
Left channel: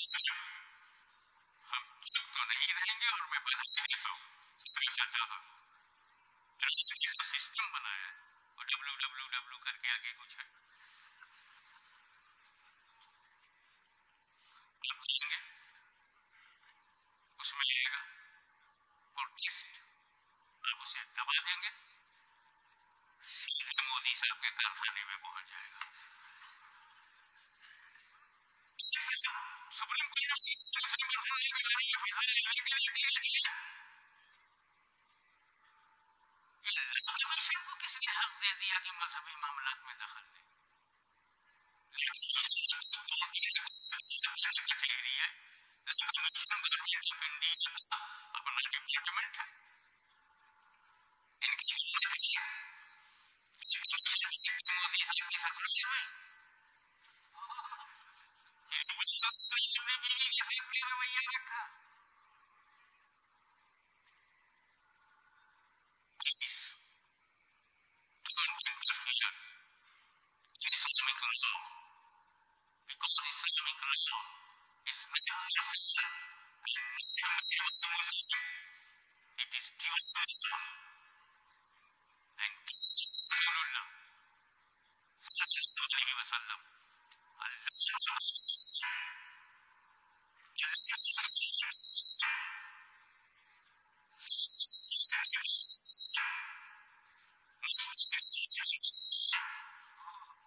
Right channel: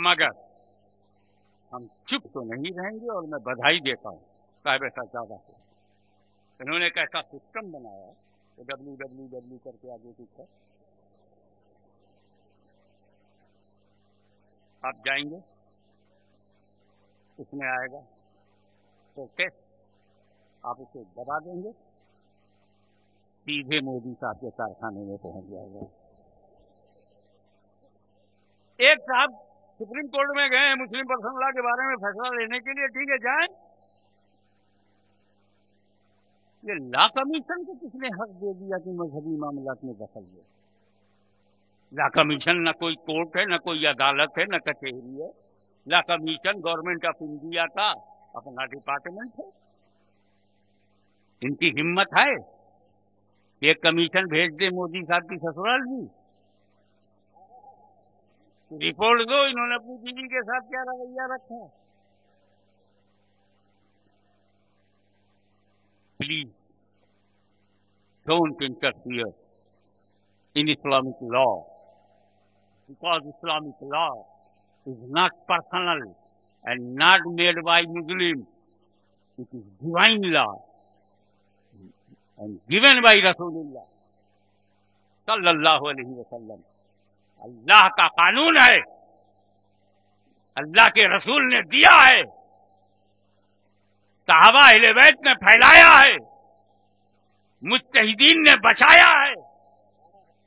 मगर हम चुप तो नहीं रहेंगे और मैं बधाई देता हूं साहिब सज्जादा को। इन्होंने एक ऐसा सिस्टम बनाया है, वो WWW करके आगे कुछ है, आप जाएंगे उसमें आएगा प्रोटेस्ट, आप उसे दबा देंगे सीधे मोदी साहब के कारखाने में पहुंच जाएगा। एक साहब सुप्रीम कोर्ट में गए हैं मुस्लिम पर्सनल लॉ के बारे में फैसला लेने के लिए, ठीक है जाएं। ये लॉ कमीशन को किसने हक दे दिया कि मजहबी मामलात में दखल दे? लॉ कमीशन न कोई कोर्ट है, न कोई अदालत है, न कचहरी है। Law commission government of India का अपना डिपार्टमेंट है। इनकी हिम्मत है कि एक कमीशन भेज दे मोदी साहब की ससुराल भी कि रिपोर्ट दो इन्होंने अपनी बीवी के साथ क्या रवैया रखा। Please don't interfere in Islamic law, because Islamic law is not personal and not made by Muslim. It is divine law and given by Rasulullah sallallahu alaihi wasallam. अल्लाह का कानून है, अल्लाह के रसूल ने दिया है, सहाबा अहले बैत ने फैलाया है, मुज्तहिदीन ने बचाया है,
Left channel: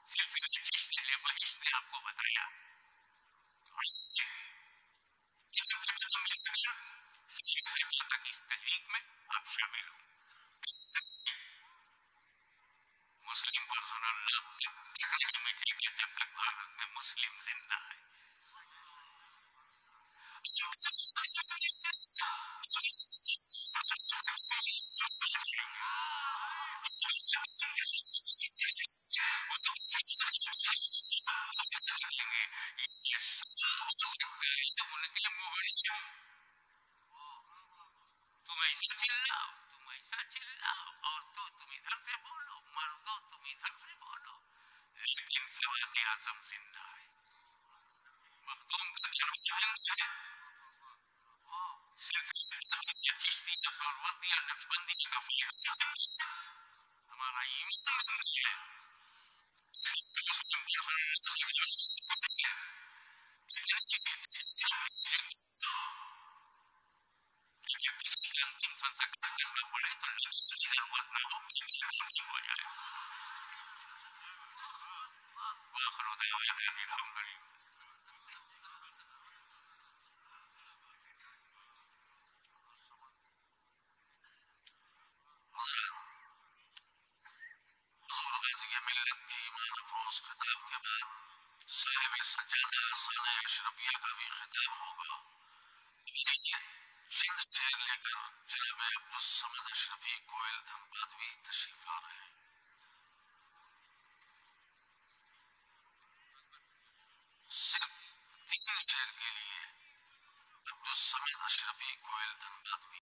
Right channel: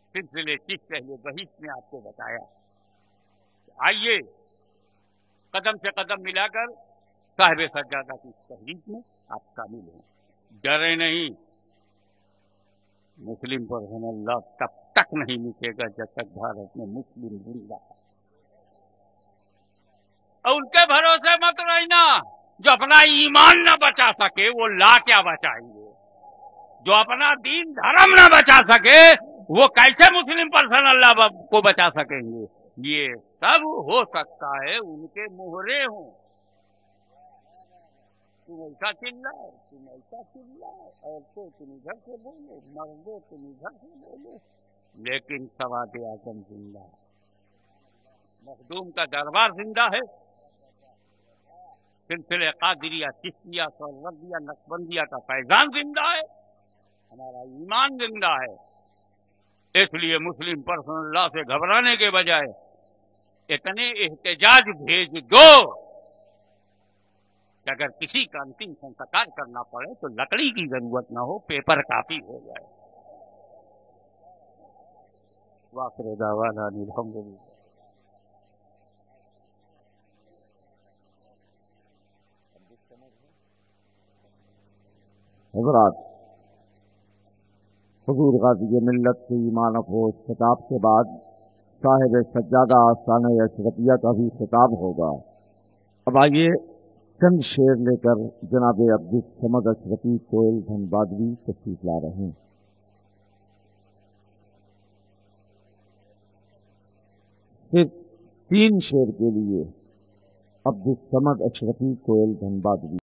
सिलसिले चिश्त अहले बहिश्त ने आपको बताया। तो आइए कदम से कदम मिलाकर साहिब सज्जादा की इस तहरीक में आप शामिल हों। डरे नहीं, मुस्लिम पर्सनल लॉ तब तक नहीं मिटेगा जब तक भारत में मुस्लिम जिंदा है। और उनके भरोसे मत रहना जो अपना ईमान ना बचा सके, वो लॉ क्या बचाएंगे? जो अपना दीन धर्म ना बचा सके वो कैसे मुस्लिम पर्सनल लॉ को बचा सकेंगे? ये सब हो सकता है उनके मोहरे हों। तुम ऐसा चिल्लाओ, तुम ऐसा चिल्लाओ, और तो तुम इधर से बोलो, मर्दो तुम इधर से बोलो, लेकिन सवाद आजम जिंदा है, मखदूम का दरबार जिंदा है, सिलसिले कादिरिया, चिश्तिया, सोहरवर्दिया, नक्शबंदिया का फैजान जिंदा है, हमारा ईमान जिंदा है। इसलिए मुस्लिम पर्सनल लॉ से घबराने के बजाय इतने एहतजाज भेज दो कि अगर किसी का अंतिम संस्कार करना पड़े तो लकड़ी की जरूरत ना हो, पेपर काफी हो जाए। वाखिरु दावाना अनिल हम्दुलिल्लाह। हजरात, हुजूर गाज़ी मिल्लत के ईमान अफरोज खिताब के बाद साहिब सज्जादा आसाने अशरफिया का भी खिताब होगा। अब आइए चंद शेर लेकर जनाब अब्दुल समद अशरफी कोयल धनबादवी तशरीफ ला रहे हैं। सिर्फ 3 शेर के लिए अब्दुल समद अशरफी कोयल धनबादवी।